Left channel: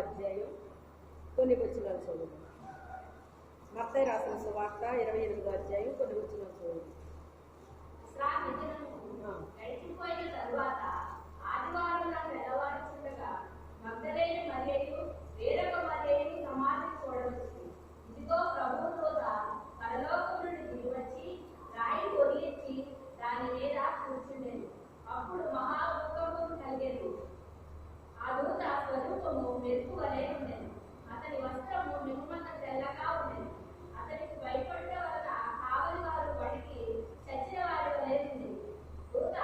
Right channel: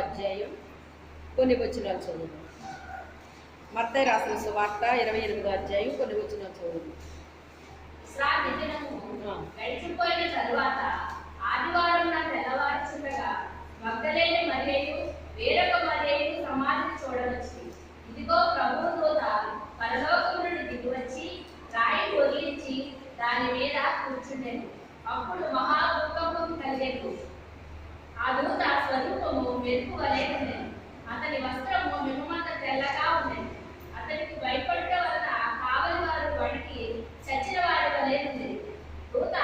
అధ్యాయం కొన్ని వచనాలు చదువు. మత్తయి రాసిన సువార్త 28వ అధ్యాయం కొన్ని వచనాలు చదువు. గడిచిపోయిన తరువాత ఆదివారం తెల్లవారుచుండగా మగ్దలేని మరియయు వేరొక మరియయు సమాధిని చూడవచ్చు. ఇదిగో ప్రభువు దూత పరలోకం నుండి దిగివచ్చి రాయి వదిలించి దాని మీద కూర్చుండెను. అప్పుడు మహాభూకంపం కలిగేది. ఆ దూత స్వరూపము మెరుపు వలె ఉండెను. అతని వస్త్రము మిమ్మంత తెల్లగా ఉండెను. అతనికి భయపడటం వలన కావలి వారు వణికి చచ్చిన వారి వలె ఉండేది. దూత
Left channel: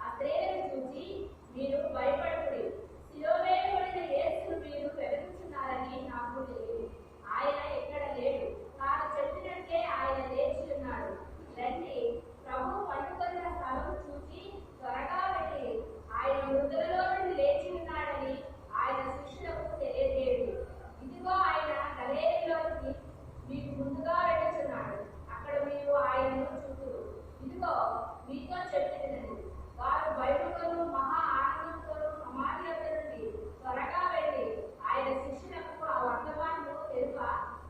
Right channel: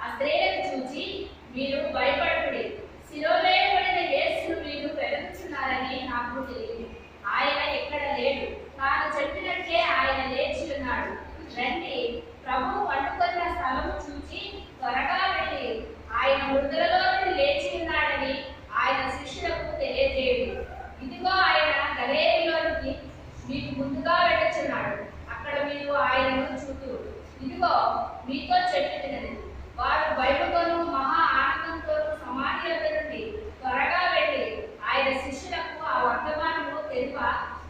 ఆ స్త్రీలను చూచి, మీరు భయపడకుడి, శిలువ వేయబడిన యేసును మీరు వెతుకుచున్నారని నాకు తెలియదు. ఆయన ఎక్కడ లేడు, తాను చెప్పినట్లే ఆయన లేచి ఉన్నాడు. రండి, ప్రభువు పండుకున్న స్థలము చూచి త్వరగా వెళ్ళి ఆయన మృతులలో నుండి లేచి ఉన్నాడని ఆయన శిష్యులకు తెలియజేయండి. ఇదిగో ఆయన గలిలయలోనికి మీకు ముందుగా వెళ్ళుచున్నాడు. అక్కడ మీరు ఆయనను చూతురు. ఇదిగో మీతో చెప్పినది. వారు భయముతోనూ మహా ఆనందంతోనూ సమాధి వద్ద నుండి త్వరగా వెళ్ళి ఆయన శిష్యులకు ఆ వర్తమానము తెలుప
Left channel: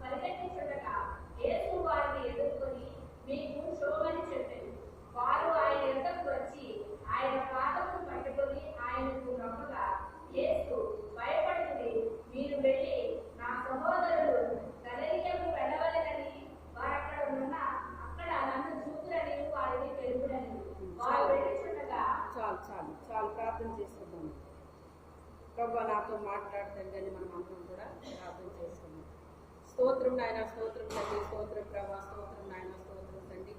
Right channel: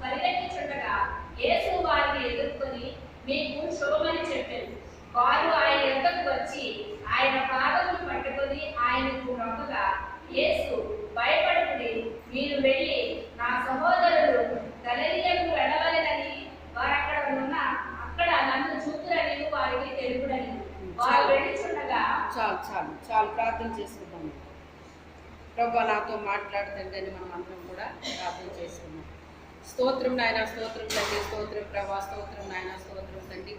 పరిగెత్తుచుండగా యేసు వారిని ఎదుర్కొని మీకు శుభమని చెప్పారు. వారు ఆయన యొద్దకు వచ్చి ఆయన పాదములు పట్టుకొని ఆయనకు నొక్కగా, యేసు భయపడుకుని, మీరు వెళ్ళి నా సహోదరులు గలిలయకు వెళ్ళవలెనని వారు అక్కడ నన్ను చూతురని వారికి తెలుపుడని వారు వెళ్ళుచుండగా. చాలు ప్రార్థన చేసుకుందాం. ప్రభు నాతో మాట్లాడుతుందని మనం అందరం కూడా ప్రార్థన చేసుకుందాం. స్తోత్రం నాయన, స్తోత్రం తండ్రి, స్తోత్రం ప్రభా, స్తోత్రం నాయన, స్తోత్రం తండ్రి.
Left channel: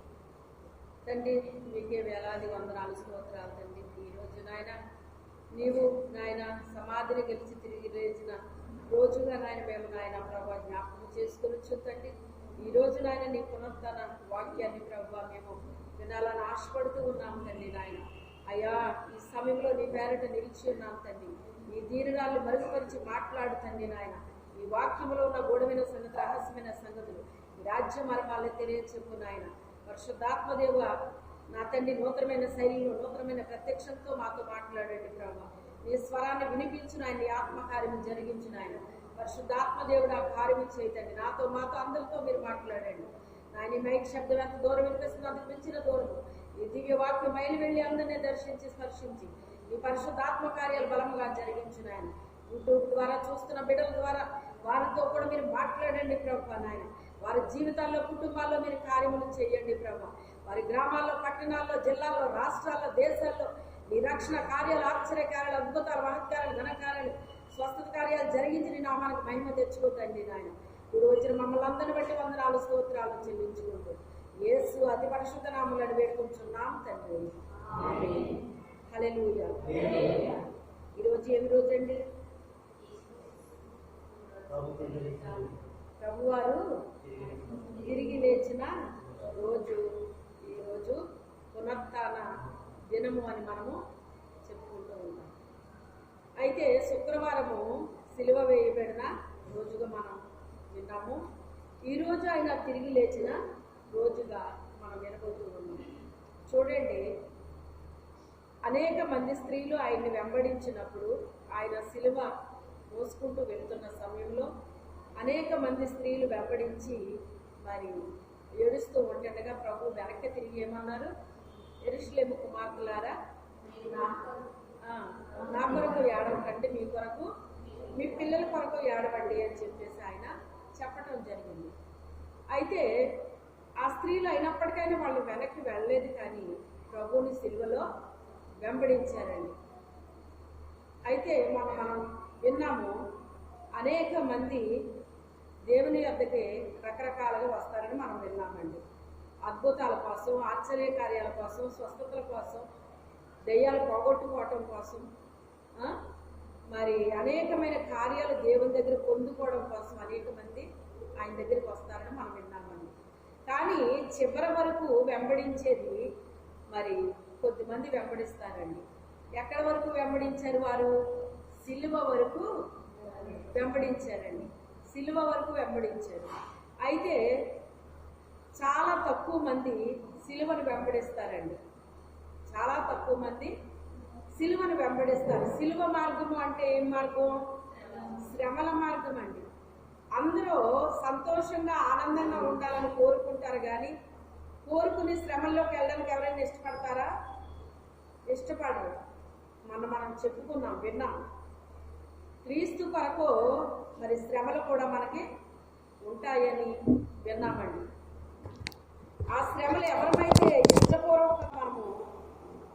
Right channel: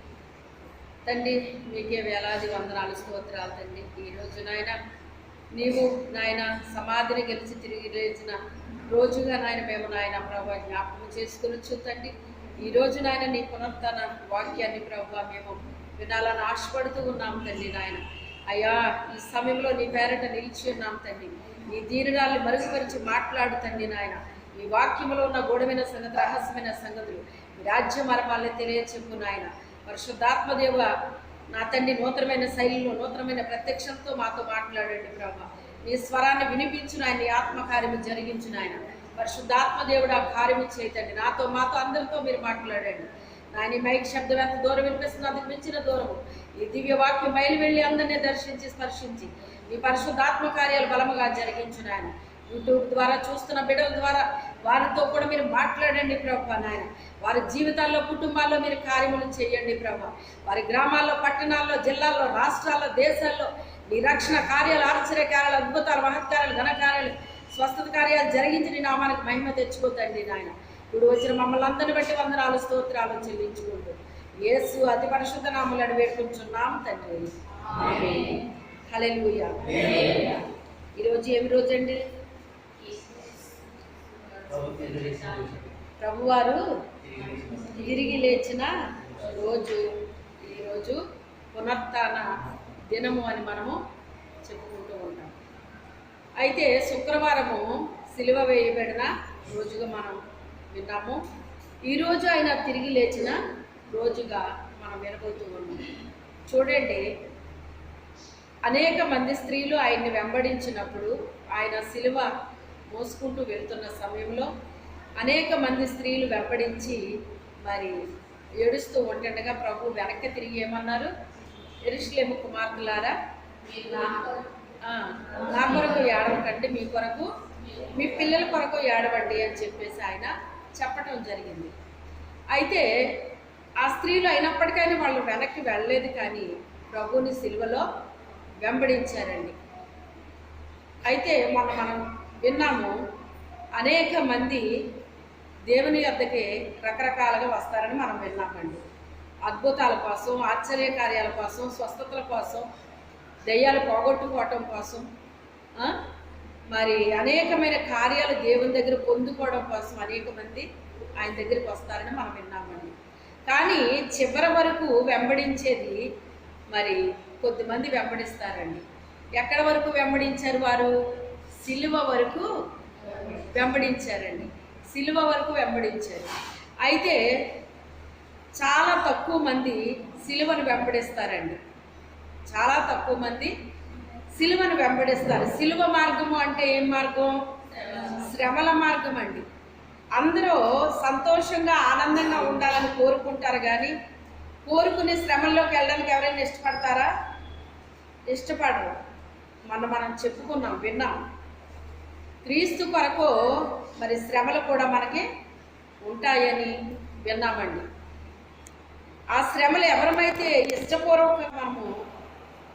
తండ్రి మీకే వేలాది వందనాలు, స్తోత్రాలు తండ్రి. ఈరోజు నాయన నీవు నాయన సమాధిని గెలిచి తిరిగి లేచిన రోజుగా నాయన మేము నాయన ప్రభా జ్ఞాపకం చేసుకొనొచ్చు తండ్రి. ఈరోజు నాయన నీ పునరుత్థాన వాక్యాన్ని ప్రభా మేము వినాలని ఆశపడుతూ ఉన్నాం తండ్రి. నాయన అయ్యా, ఈ సమయంలో నీ పేరట నిలిచి ఉన్నాం తండ్రి. నీ దీనురాల్ని మరుగుపరిచి మాట్లాడు తండ్రి. నాయన ఈ వాక్యంలో ఉన్న గూఢమైన సంగతి, రహస్యమైన సంగతులు, ఈ రాజ్య మర్మాలని తెలియచెప్పు నాయన. పరిశుద్ధాత్మదేవ నా తండ్రి నూతనమైన శైలిలో నూతనమైన ప్రత్యక్షంతో మాతో మాట్లాడండి ప్రభా. నీ స్వరాన్ని వినిపించు నాయన, నీ ఆత్మకార్యము జరిగించు నాయన. పరిశుద్ధాత్మదేవుడు ఆ కార్యము చేయతండి. మాతో అందరితో మీరు మాట్లాడండి నాయన. ఈ మైక్ శబ్దం ఎంత దూరం వినిపిస్తుంది, అంతకు మించిన దూరము ఈ దివ్య వాక్యం బయలు వెళ్ళి అందరినీ దర్శించి స్పర్శించి నీ పరిశుద్ధాత్మ కార్యాలు బలముగా జరిగించు నాయన. యూట్యూబ్ ద్వారా చూస్తున్న బిడ్డల ద్వారా వారితో కూడా మీరు మాట్లాడండి ప్రభా. నాయన వారి జీవితాల్లో, కుటుంబాల్లో మీరు కార్యములు చేయండి ప్రభా. వారి గ్రామాల్లో, పట్టణాల్లో, జిల్లాల్లో, రాష్ట్రాల్లో, దేశాల్లో నీ రక్షణ కార్యాలు, ఆశ్చర్య కార్యాలు, అద్భుతాలు, మహత్కార్యాలు, ఘనకార్యాలు, స్వస్థత కార్యాలు జరిగించి నీ నామానికి మహిమ తెచ్చుకోతండి నాయన. ఇప్పుడు వచ్చిన మమ్మల్ని అందరిని బట్టి వందనాలు, స్తోత్రాలు చెల్లించుకుంటూ యేసు అతి పరిశుద్ధ నామములను వేడుకుంటున్నాం తండ్రి. ఆమేన్. హల్లెలూయా. ఈరోజు ఏమి రోజు అండి? ప్రభువారు తిరిగి లేచిన రోజు. ఈరోజు పునరుత్థాన దినము అని మనము చెప్పుకుంటూ ఉంటాం. అయితే శుక్రవారము సిలువ వేయబడిన రోజుగా మనం విన్నాము. ఈరోజు ఆయన తిరిగి లేచిన రోజుగా మనం వినబోతూ ఉన్నాం. చూడండి, అనేక మంది స్త్రీలు ఆయన్ని వెంబడించినప్పుడు, ఆయన సిలువ మోసుకుంటూ వెళ్తున్న సమయంలో అనేక మంది స్త్రీలు వెంబడించి మరి ఏడుస్తూ ఉంటుండగా ప్రభు వెనక్కి తిరిగి ఏమన్నారు? యెరూషలేము కుమార్తెలారా, నా కొరకు ఏడవకండి, మీ కొరకు, మీ పిల్లల కొరకు ఏడవండి అని చెప్పేసి ఆయన చెప్పటం జరిగింది. అయితే ఆ స్త్రీలు అయినప్పటికైనా వాళ్ళు వెనక్కి వెళ్ళలేదు, కానీ ప్రభువుని సిలువలో వెంబడించారండి. అయితే మనం విన్నాము, అనేక మంది దేవుని యొద్దకి రకరకాలుగా వస్తారని మనం విన్నామండి. అద్భుతాల కోసం, ఆశ్చర్య కార్యాల కోసం, స్వస్థతల కోసం, దెయ్యాలు పోగొట్టుకోవటం కోసం, మరి అనేకమైన కార్యాలు దేవుని దగ్గర పొందుకోవడం కోసం అనేక మంది ఆయన దగ్గరికి వస్తారని మనం విన్నామండి. కానీ చివరి వరకు వెంబడించేది మరి కొద్దిమంది వెంబడిస్తారండి. ఎక్కడి వరకు వెంబడించారు వారు? సిలువ వరకు వెంబడించారండి. సిలువ వరకు వెంబడించారు. అయితే చాలా తక్కువ మంది సిలువను వెంబడిస్తారండి. చాలా తక్కువ మంది సిలువను వెంబడిస్తారు. సిలువ మార్గము అంటే ఏం మార్గం? శ్రమల మార్గం అండి. అందరూ సంతోషంగా ఆనందంగా ఉండాలని కోరుకుంటారు, కానీ కోరుకునే శ్రమల్లోకి వెళ్ళడానికి ఎవరైనా ఇష్టపడతారా? ఇష్టపడరు. మనం చెప్పుకున్నాం, విన్నాం. క్రీస్తు కొరకు మరి శ్రమలు కూడా మనకి ఉంటాయని విన్నామండి. ఆ శ్రమలు ఎవరమైతే ఇష్టపూర్వకంగా మనము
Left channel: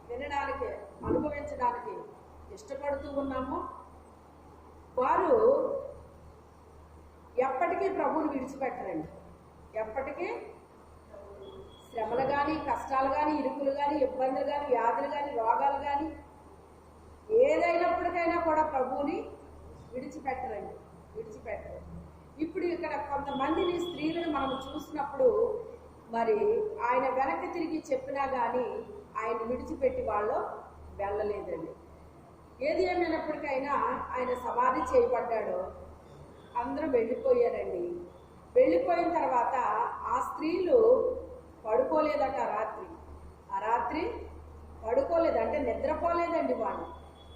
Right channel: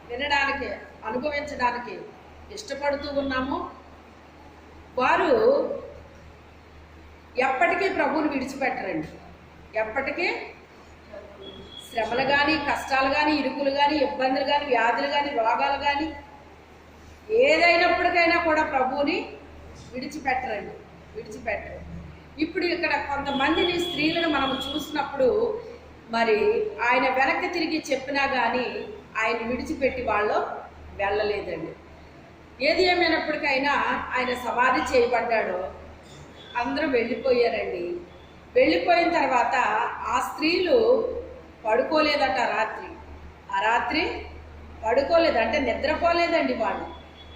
వినడానికి, అనుభవించడానికి ఇష్టపడుతూ ఉన్నామో వారు ఎప్పటికీ ప్రభువుని విడిచిపెట్టరండి. ఎప్పటికీ శ్రమలు కానీ, కష్టాలు కానీ, ఇరుకులు కానీ, ఇబ్బందులు కానీ, వ్యాధులు కానీ, రోగాలు కానీ ఏదైనప్పటికైనా కూడా ప్రభువుని విడిచిపెట్టరు. ఇప్పుడు ఇక్కడ కొంతమందిని స్త్రీలను మనం చూసినప్పుడు మరి ఆయన వెనక్కి తిరిగి చెప్పినా కానీ ఆయన విడిచిపెట్టి వాళ్ళు వెళ్ళలేదండి. ఏది ఏమైనప్పటికైనా ఆయన సమాధి చేయబడ్డాడో అందరూ వెళ్ళిపోయారండి. వెళ్ళిపోయిన తర్వాత ఆ స్త్రీలు పడుకోలేదట. ఆ రాత్రి పడుకోలేదు, అంటే నిద్రపోలేదండి. వాళ్ళు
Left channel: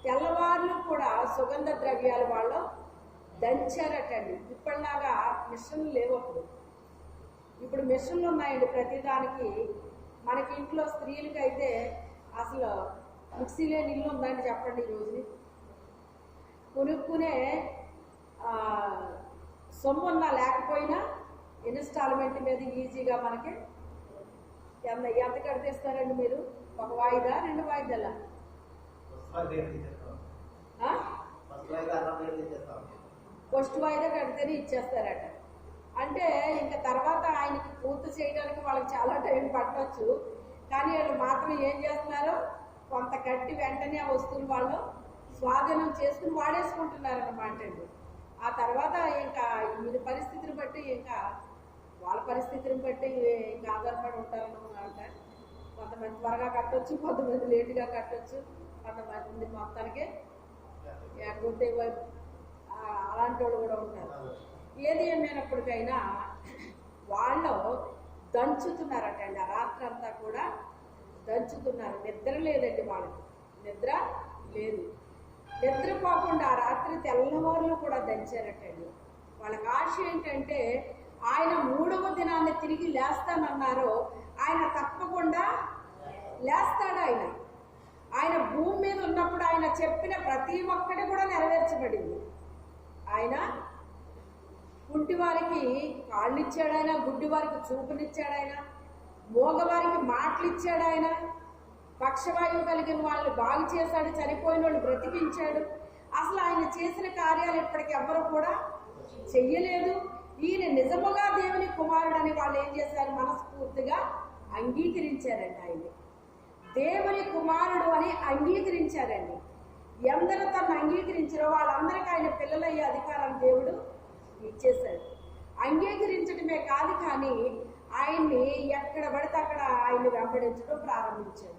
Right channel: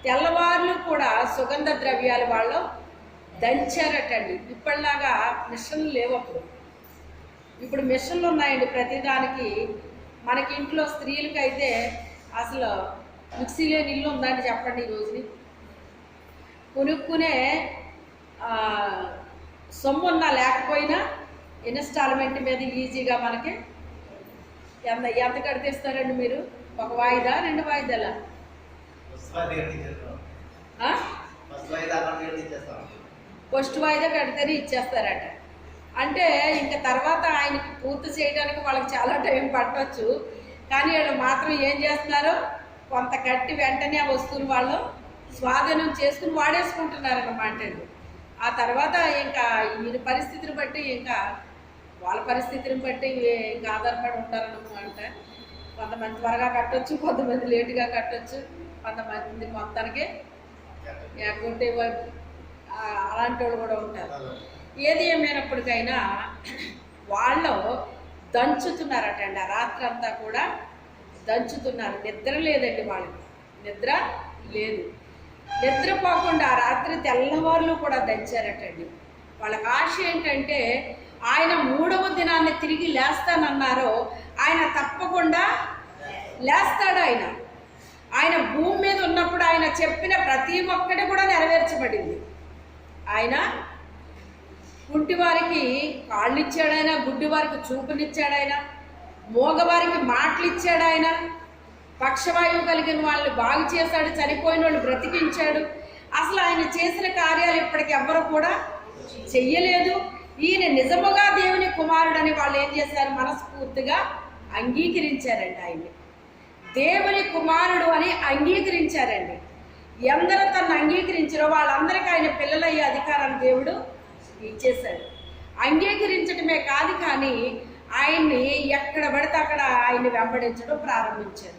తెల్లవారులు కూడా సుగంధ ద్రవ్యాలు వాళ్ళు దంచారటండి. ఇప్పటిలాగా మిషన్లు లేవు అప్పుడు. ఇప్పుడు మిషన్లు ఉన్నాయండి ప్రతిదానికి. మనకి ఇంట్లో స్త్రీలకైతే అసలు మిక్సీ లేని ఇల్లు ఉందండి చెప్పండి. ఈ రోజుని కొనుక్కునే సొమ్ము ఉన్నా లేకపోయినా ఇన్స్టాల్మెంట్ మీద ఈజీగా మనకి ఎంత కడితేస్తారండి మీరు? ఒక వాయిదా, 2 వాయిదాలా? ఫస్ట్ వాయిదా కడితేనే ఇచ్చేస్తారట. అంటే ఇంకా తర్వాత ఆయనకి పూర్తి చేయడానికి వాళ్ళకి చాలా టైం పట్టవచ్చు. కానీ వాళ్ళు మాత్రం ఏం చేస్తున్నారు, కొంత కట్టి వెంటనే ఆ వస్తువులు వాళ్ళు స్వాధీనం చేసుకుని వాడేసుకుంటున్నారన్నమాట. ఆ తర్వాత ఇంకా ఈయన పరిస్థితిని బట్టి, ఇంకా వాళ్ళ పరిస్థితిని బట్టి ఇంకా ఆధారపడి ఉంటారన్నమాట. కొంతమంది త్వరగా కట్టొచ్చు, కొంతమంది లేటుగా కట్టొచ్చు, కొంతమంది మొత్తానికి ఎగ్గొట్టే అలాంటి వాళ్ళు కూడా ఉంటారు. ఏది ఏమైనప్పటికైనా వాళ్ళు దంచుతున్నారటండి. ఆ రాత్రి అంతా కూడా దంచుతున్నారు. నిద్ర లేదండి వాళ్ళకి, నిద్ర లేదు. నిద్రపోకుండా ఆ రాత్రి తెల్లవారులు కూడా దంచారటండి. వాళ్ళకి ఆశ ఏంటంటే ఆయన 3వ దినాన్ని తిరిగి లేస్తానన్నారో ఆయన తప్పకుండా లేస్తాడు. ఆయన భూమి మీద ఉన్నప్పుడు ఆయన చెప్పిన ప్రతి ఒక్కటి కూడా నెరవేర్చబడింది. ఆయన కుంటివారికి కాళ్ళు ఇచ్చాడాయన, గుడ్డివారికి చూపునిచ్చాడాయన, మోగవారికి మాటలు ఇచ్చాడాయన, పక్షవాయువు కలిగిన వాళ్ళని బాగు చేశాడు, చనిపోయిన వాళ్ళు బ్రతికించాడు. అసలు ఆయన చేసిన కార్యాలు ఇప్పటికి ఎవ్వరూ కూడా చెయ్యలేదు. ఈయన నిజముగా దేవుని కుమారుడని వాళ్ళు ఏం చేశారు, మనస్ఫూర్తిగా అంగీకరించారండి. ఆయన్ని దేవుని కుమారుడు అని అంగీకరించారండి. ఎందరూ తను అంగీకరించారో వాళ్ళందరికీ ఆయన పిల్లలయ్యే అధికారాన్ని దేవుడు ఇచ్చేశాడు. అంగీకరించడమే కాదు, కానీ ఆయన్ని ఎక్కడ పడితే అక్కడ ఆయన్ని వెంబడించడం ప్రారంభించారు.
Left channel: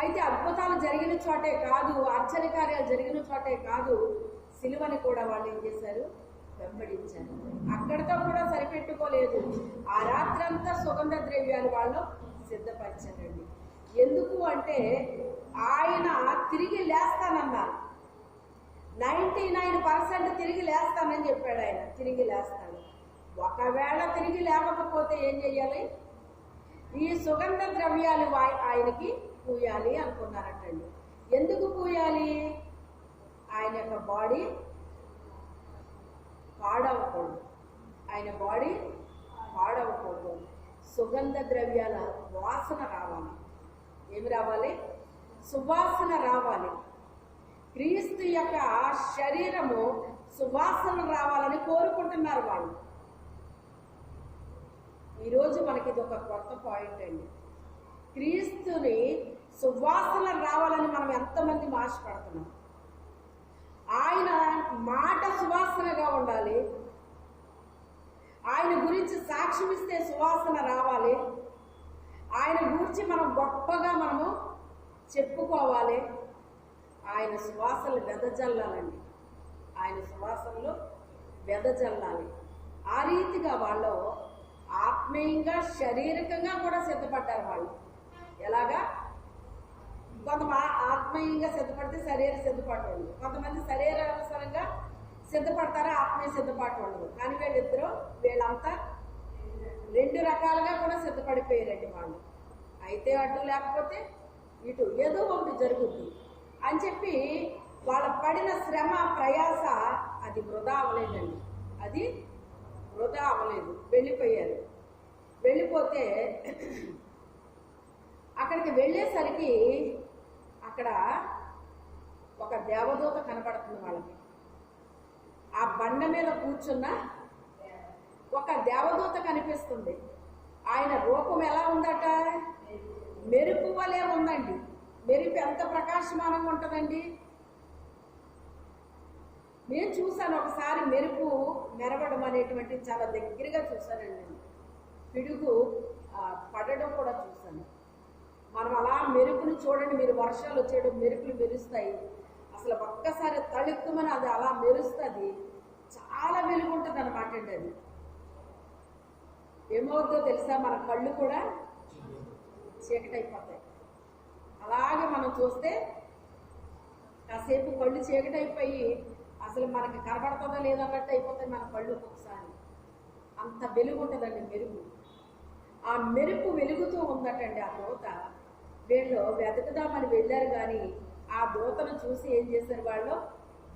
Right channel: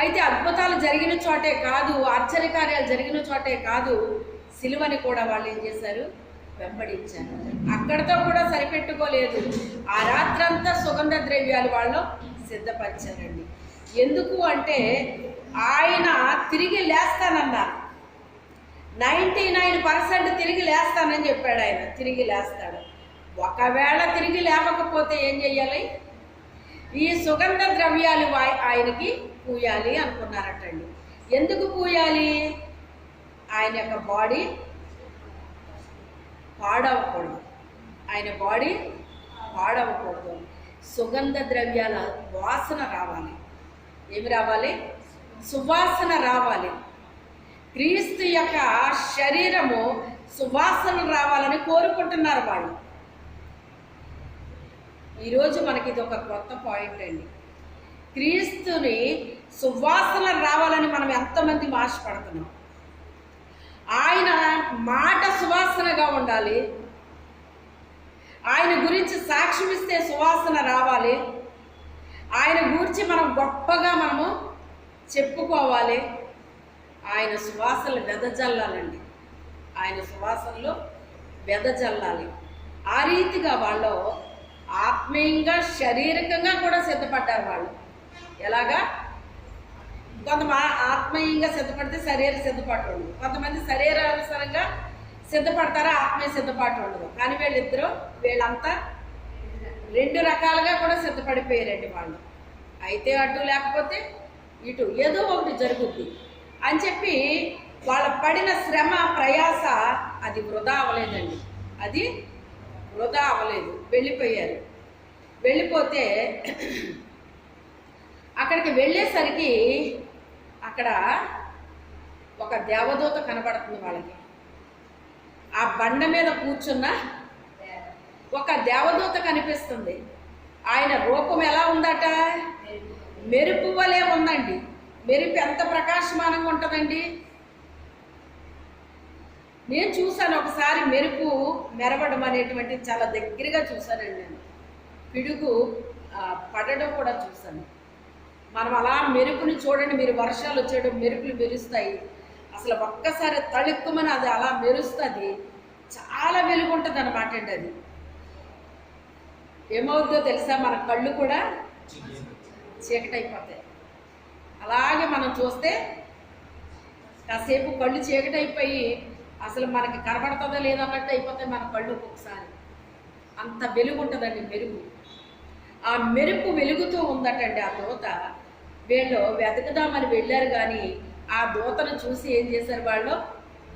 అయితే అద్భుతాలు జరిగిన చోటే కాదు, ఆశ్చర్యకార్యాలు జరిగిన చోటే కాదు, సిలువని కూడా వాళ్ళు ఏం చేశారు, వెంబడించారు. అక్కడితో కూడా సరిపెట్టుకోలేదు. ఆ రాత్రంతా సుగంధ ద్రవ్యాలు వాళ్ళు సిద్ధపరిచారండి. ఎందుకు అంటే ఆయన తిరిగి లేస్తానన్నారు. 99% తిరిగి లేస్తానని చెప్పాడు. ఆయన తిరిగి లేస్తాడు. ఒకవేళ తిరిగి లేవకపోతే ఏం చెయ్యాలి, ఈ సుగంధ ద్రవ్యాలు ఆయనకి పూయాలి అనుకున్నారటండి. ఎందుకు పూయాలి? ఆయన యొక్క బాడీ పాడవకూడదు, ఆయన బాడీ పాడవకూడదు. సుగంధ ద్రవ్యాల వాసన రావాలి. ఏమి రావాలి? సువాసన రావాలి. క్రీస్తు యొక్క శరీరము సువాసన రావాలని కోరుకుంటున్నారు వాళ్ళు. ఈరోజు మనకి ఇది ఒక కొత్త పాయింట్ అండి. క్రీస్తుని సువాసన రావాలని మనం ఎంతమంది ఆశపడుతున్నాం. ఆయన మాట సువాసనగా ఉండాలి. ఆయన గురించి సాక్ష్యం ఇస్తే సువాసన రావాలి. ఆయన గురించి మనం గొప్పగా మనము చెప్పుకోవాలి. ఆయన సువాసనలు వెదజల్లాలండి. ఆయన సువాసనలు వెదజల్లాలి. ఆ రీతిగా వాళ్ళు ఆత్మీయంగా, శారీరకంగా కూడా సిద్ధపడ్డారు. వాళ్ళు ఎలాగా? ఆత్మీయంగా సిద్ధపడితే శరీర సిద్ధపాటు ఉండదు, కొంతమంది శరీరానుసారంగా సిద్ధపడతారా, ఆత్మీయ సిద్ధపాటు ఉండదు. కానీ వీళ్ళంతా రెండు రకాలుగా కూడా సిద్ధపడిపోయారండి వాళ్ళు. అయితే అటు లేకపోతే ఇటు ఏదో ఒకటి జరుగుద్ది అని చెప్పి వాళ్ళ పడిన శ్రమ ప్రయాస అది వృధా అవ్వలేదండి, అది వృధా అవ్వలేదు. వెళ్ళిపోయారు. వెళ్ళిపోతే అక్కడికి వెళ్ళేసరికి అక్కడ ఒక దేవదూత కనబడుతుంది వాళ్ళకి. ఆ బండ మీద కూర్చున్న ఒక దేవదూత కనిపిస్తుంది. ఆయన రూపం ఎలా ఉందట, మెరుపు వలె ఉందండి. మెరుపు ఎంత ప్రకాశమానంగా ఉంటుందండి. నేను చూశాను ఒకసారి మెరుపు మెరవడం అనేటువంటిది, చాలా దగ్గరగా చూశానండి. నేను పిడుగు పడడం కూడా చూశాను. మనం అలా మెరుపుని చూడండి, మీరు వర్షాలు వచ్చేయడం మెరుపులు మెరుస్తాయి, అసలు ఒక్కసారి తళుక్కుమని అది అలా మెరుస్తుంది, చాలా వెలుగు ఉంటుంది అన్నమాట అండి. అది ఏమవుతుందో తెలుసా, మన కళ్ళు కూడా చీకటైపోతాయి. అలాగే మనం చూస్తే కాసేపు కళ్ళు చీకటైపోయి అసలు మనకి కనబడుతుందో లేదన్నట్టు అయిపోతాయి మన కళ్ళు ఒక్కొక్కసారి. అంత వెలుగు ఉంటుందండి మెరుగు. ఆ మెరుపు వెలుగుతూ ఉందటండి ఆ దూత. వీళ్ళు వెతకదామని వెళ్ళారు, కానీ ఆ దూతను చూసి ఏం చేశారు, వాళ్ళు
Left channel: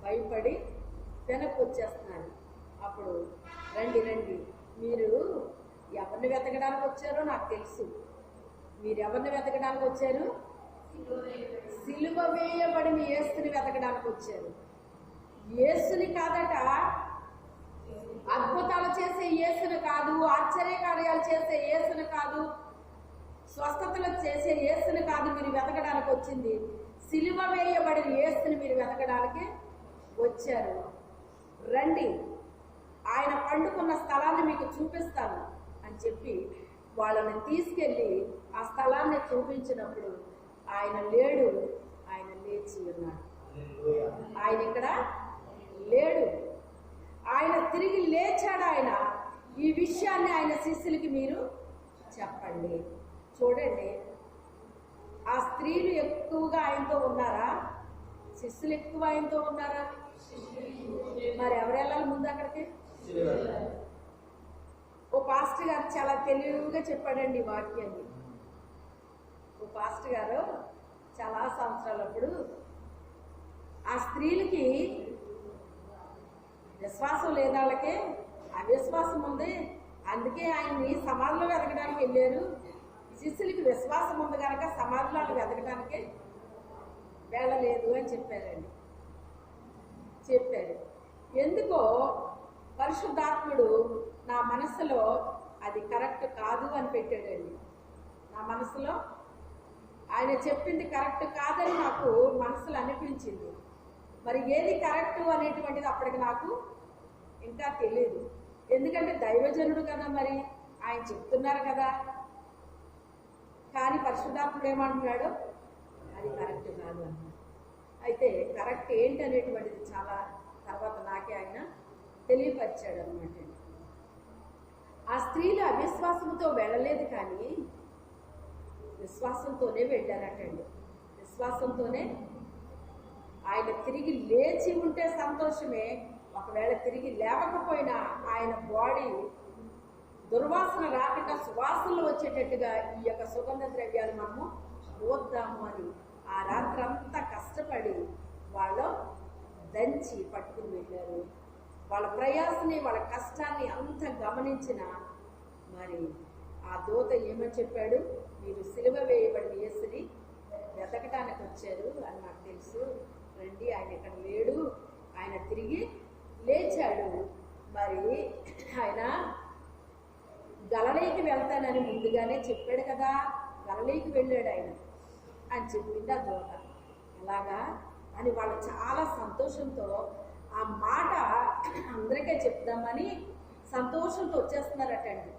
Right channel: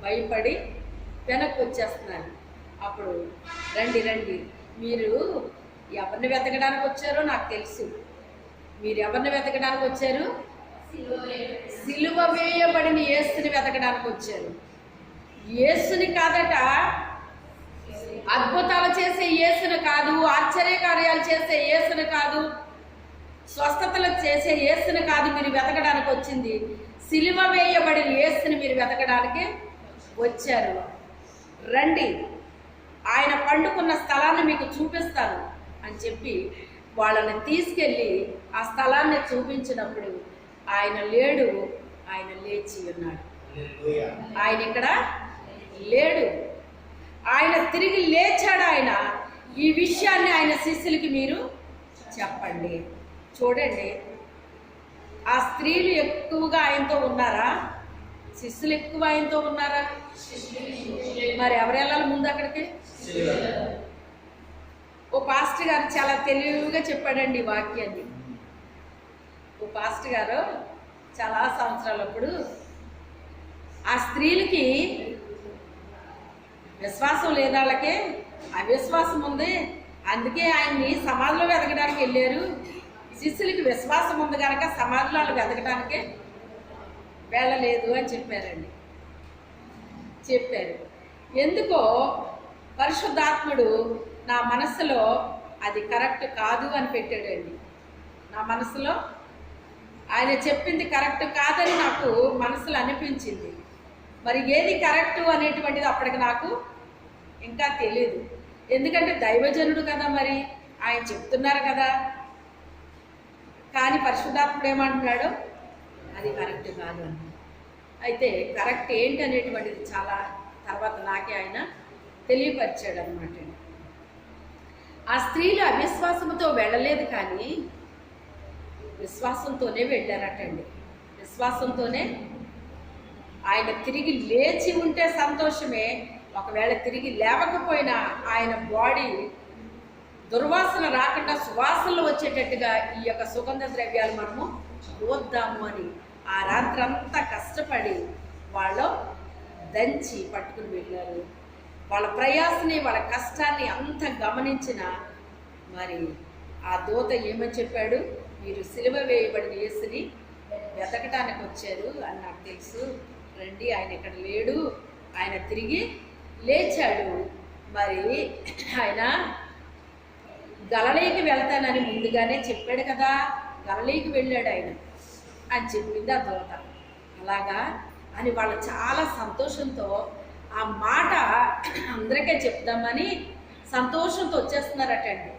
భయపడి వెనక్కి వచ్చేస్తున్నారు. అప్పుడు రండి రండి, మీరు ఎవరిని వెతకడానికి వచ్చారో నాకు తెలుసు. మీరు ఎవరిని వెతకడానికి వచ్చారు, సిలువ వేయబడిన యేసుని వెతకడానికి వచ్చారు. యేసుని కాదట, అద్భుతాలు చేసే యేసుని కాదు, ఆశ్చర్య కార్యాలు చేసే యేసుని కాదు, స్వస్థతలు చేసే యేసుని కాదు మీరు వెతకడానికి వచ్చింది, సిలువ వేయబడిన యేసుని మీరు వెతకడానికి వచ్చారు. రండి, ఆయన పండుకున్న స్థలాన్ని మీకు చూపిస్తాను అని చెప్పి వాళ్ళని తీసుకెళ్ళి ఆ స్థలాన్ని చూపించినప్పుడు ఆయన లేడు, ఆయన లేచి ఉన్నాడు. ఆయన ఇక్కడ లేడు, ఆయన తిరిగి లేచాడు. ఆయన ఈ విషయాన్ని ఆయన శిష్యులకి మీరు చెప్పండి. చూడండి, ఆ స్త్రీలు ఎక్కువగా ఆయనతో ఉన్నారా, శిష్యులు ఎక్కువ ఆయనతో ఉన్నారా? మరి ఎవరు వెళ్ళాలి ముందు అక్కడికి? ఓ పాస్టర్ గారు చాలా తెలివిగా చెప్పాడండి ఈ వాక్యాన్ని. ఓ పాస్టర్ గారు చాలా సంవత్సరాలప్పుడు ఆ స్త్రీలకి విశ్వాసం లేదు, వాళ్ళకే అవిశ్వాసం ఉంది, అందుకే ఆయన్ని సమాధిలో వెతకడానికి వెళ్ళారు. శిష్యులకి విశ్వాసం ఉంది కనుక సమాధిలో వెతకడానికి వెళ్ళలేదు అని చెప్పారండి. చెప్పారు. ఎందుకో పరిశుద్ధాత్ముడు నా మనసులో అది కరెక్ట్ కాదు అని పెట్టాడండి. నా మనసులో ఆయన చెప్పింది కరెక్ట్ కాదని నాకు మనసులో అనిపించింది. మరి ఏది కరెక్టు అనేటువంటిది అప్పటికి నాకు ఇంకా తెలియదు. ఎందుకంటే దైవజనుడు కదా, మరి ఆయన చెప్తున్నారు కదా. కానీ పరిశుద్ధాత్ముడు ఏమంటున్నాడు, అది కరెక్ట్ కాదు అని. అయితే కరెక్ట్ ఏంటి అనేటువంటిది చాలా తర్వాత నాకే ఆయన తెలియపరిచాడు అనమాట. ఆ స్త్రీలు అవిశ్వాసంతో వెళ్ళలేదు, కానీ విశ్వాసంతోనే వెళ్ళారటండి. విశ్వాసంతోనే ఆయన తిరిగి లేచి ఉంటే సంతోషమే, ఒకవేళ తిరిగి లేవకపోయినా ఆయన బాడీ దుర్వాసన రాకుండా సువాసనలు వచ్చేటట్టుగా ఈ యొక్క సుగంధ ద్రవ్యాలు మనము పోద్దాము అని ఆ రాత్రంతా కష్టపడి వాళ్ళు దంచి పట్టుకుని వెళ్ళారు. వాళ్ళ ప్రయాసని, వాళ్ళ కష్టాన్ని అంత గమనించిన మరి ఆ దూత ఏమని చెప్పాడు, మీరు సిలువ వేయబడిన యేసుని వెతకటానికి వచ్చారు అని నాకు తెలుసు, రండి, ఆయన ఇక్కడ లేడు, ఆయన తిరిగి లేచాడు. మరి ఆయన గలిలయకి వెళ్తానని ముందుగానే చెప్పాడు కదా, గలిలయకి వెళ్ళాడు ఆయన అని చెప్పింది ఆ దూత. అలాగా అని వాళ్ళు చాలా సంతోషంతో ఆ మాట అందరికీ చెప్దామని సంతోషంతో వచ్చేస్తున్నారటండి.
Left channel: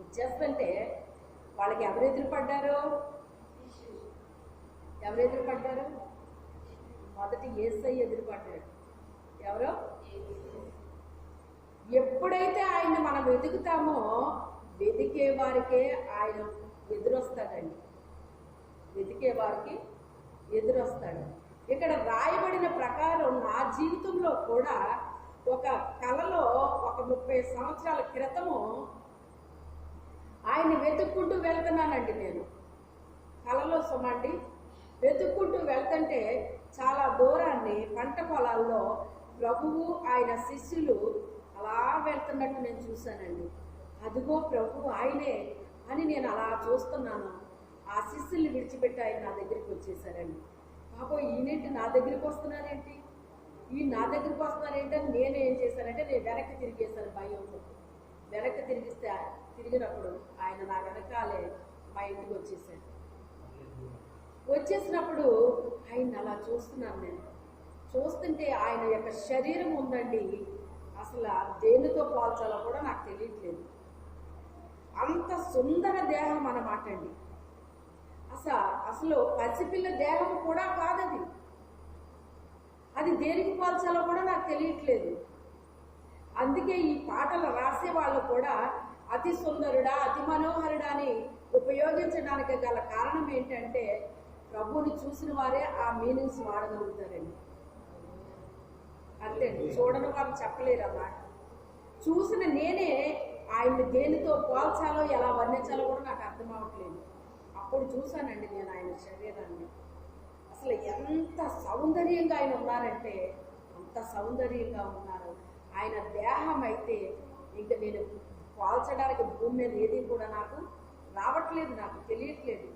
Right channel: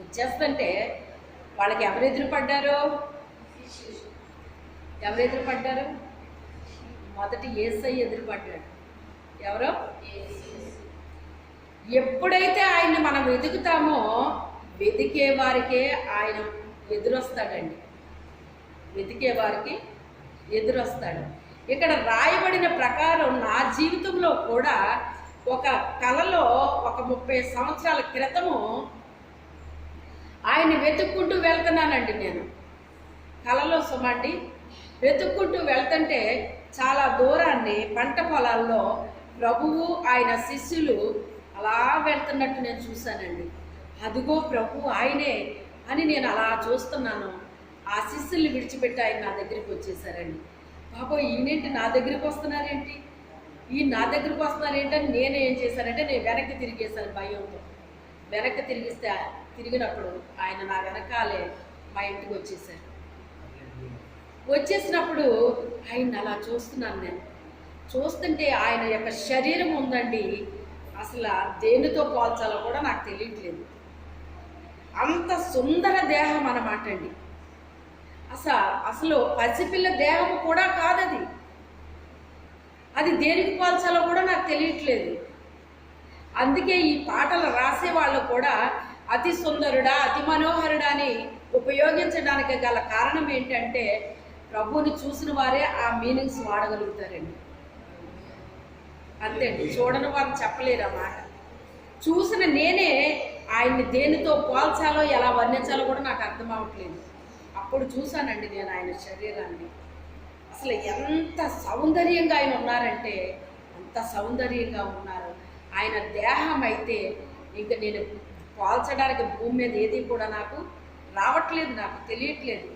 వచ్చేస్తుంటే వాళ్ళకి ఎవరు ఎదురుపడ్డారు? ఎవరు ఎదురుపడ్డారు? మొదటి యేసయ్య ఎదురుపడ్డాడు. ఎవరు? ఎప్పుడైతే ఆయన్ని మనం వెతుకుతామో వెతికే వారికే ఆయన ఎదురొస్తాడండి. వెతికే వారికి ఎదురొస్తాడు. ఇక్కడ రాయబడిన ప్రకారం నా జీవితంలో కూడా ఒక కలలో ఒక 30 సంవత్సరాల క్రితము ఆయన్ని వెతుక్కుంటూ వెళ్తున్నానండి. నేను కలలో సుమండి వెతుక్కుంటూ వెళ్తుంటే చాలా దూరాన్ని పంట పొలాల్లో ప్రభువు ఆయన శిష్యులు అలా వెళ్తున్నట్టు నేను చూశానండి. అదిగో ప్రభు ఆయనే అని నేను అలా చూస్తున్నాను. ఆ శిష్యుల్ని విడిచిపెట్టి ఆయన నా దగ్గరికి వచ్చేసారండి. బాబోయ్, ఈయనేంటి నా దగ్గరికి వస్తున్నారేంటి, ఈ నా దగ్గరికి వస్తున్నారేంటని నేను ఏం చేశానంటే నేను వెనక్కి తిరిగేశాను భయంతో. వెనక్కి తిరిగినప్పుడు ఆయన నా వెనకాలే మా ఇంటికి వచ్చేసారు. వచ్చేసినప్పుడు ఆయన అలా చూస్తున్నాను. నేను చూస్తుంటే ఆయన యొక్క శరీరం ఉందండి, అసలు దేనితో పోల్చాలో కూడా నాకు తెలియట్లేదు. అంత సుందర దేహం అన్నమాట అండి. అసలు పసిపిల్ల దేహం కూడా కాదది. అది దేనికి పోల్చాలో కూడా నాకు తెలియట్లేదు. అందుకే ఈ పాటలు రాసే వాళ్ళు కూడా అతి సుందరుడా అతి మనోహరుడా అని ఉపయోగించడానికి గల కారణం ఏంటంటే ప్రభువుని చూసిన వారే ఆ మీనింగ్స్ వాడగలుగుతారండి. అంతే అండి, చూడని వారు చెప్పలేరు ఆ మాట. చూసిన నేనే ఆయన్ని దేనితో పోల్చాలో ఎలా వర్ణించాలో కూడా నాకు అర్థం అవ్వట్లేదు. అప్పుడు చూశానండి నేను ఆయన శరీరాన్ని. అసలు ఎంత సౌందర్యంగా ఆయన ఉన్నారంటే అంత సౌందర్యంగా ఉన్నారు. ఆయన దేహం అయితే ఇంకా నేను పోల్చడానికి భూమి మీద ఏది కూడా నాకు రావట్లేదు, నాకు తెలియట్లేదు.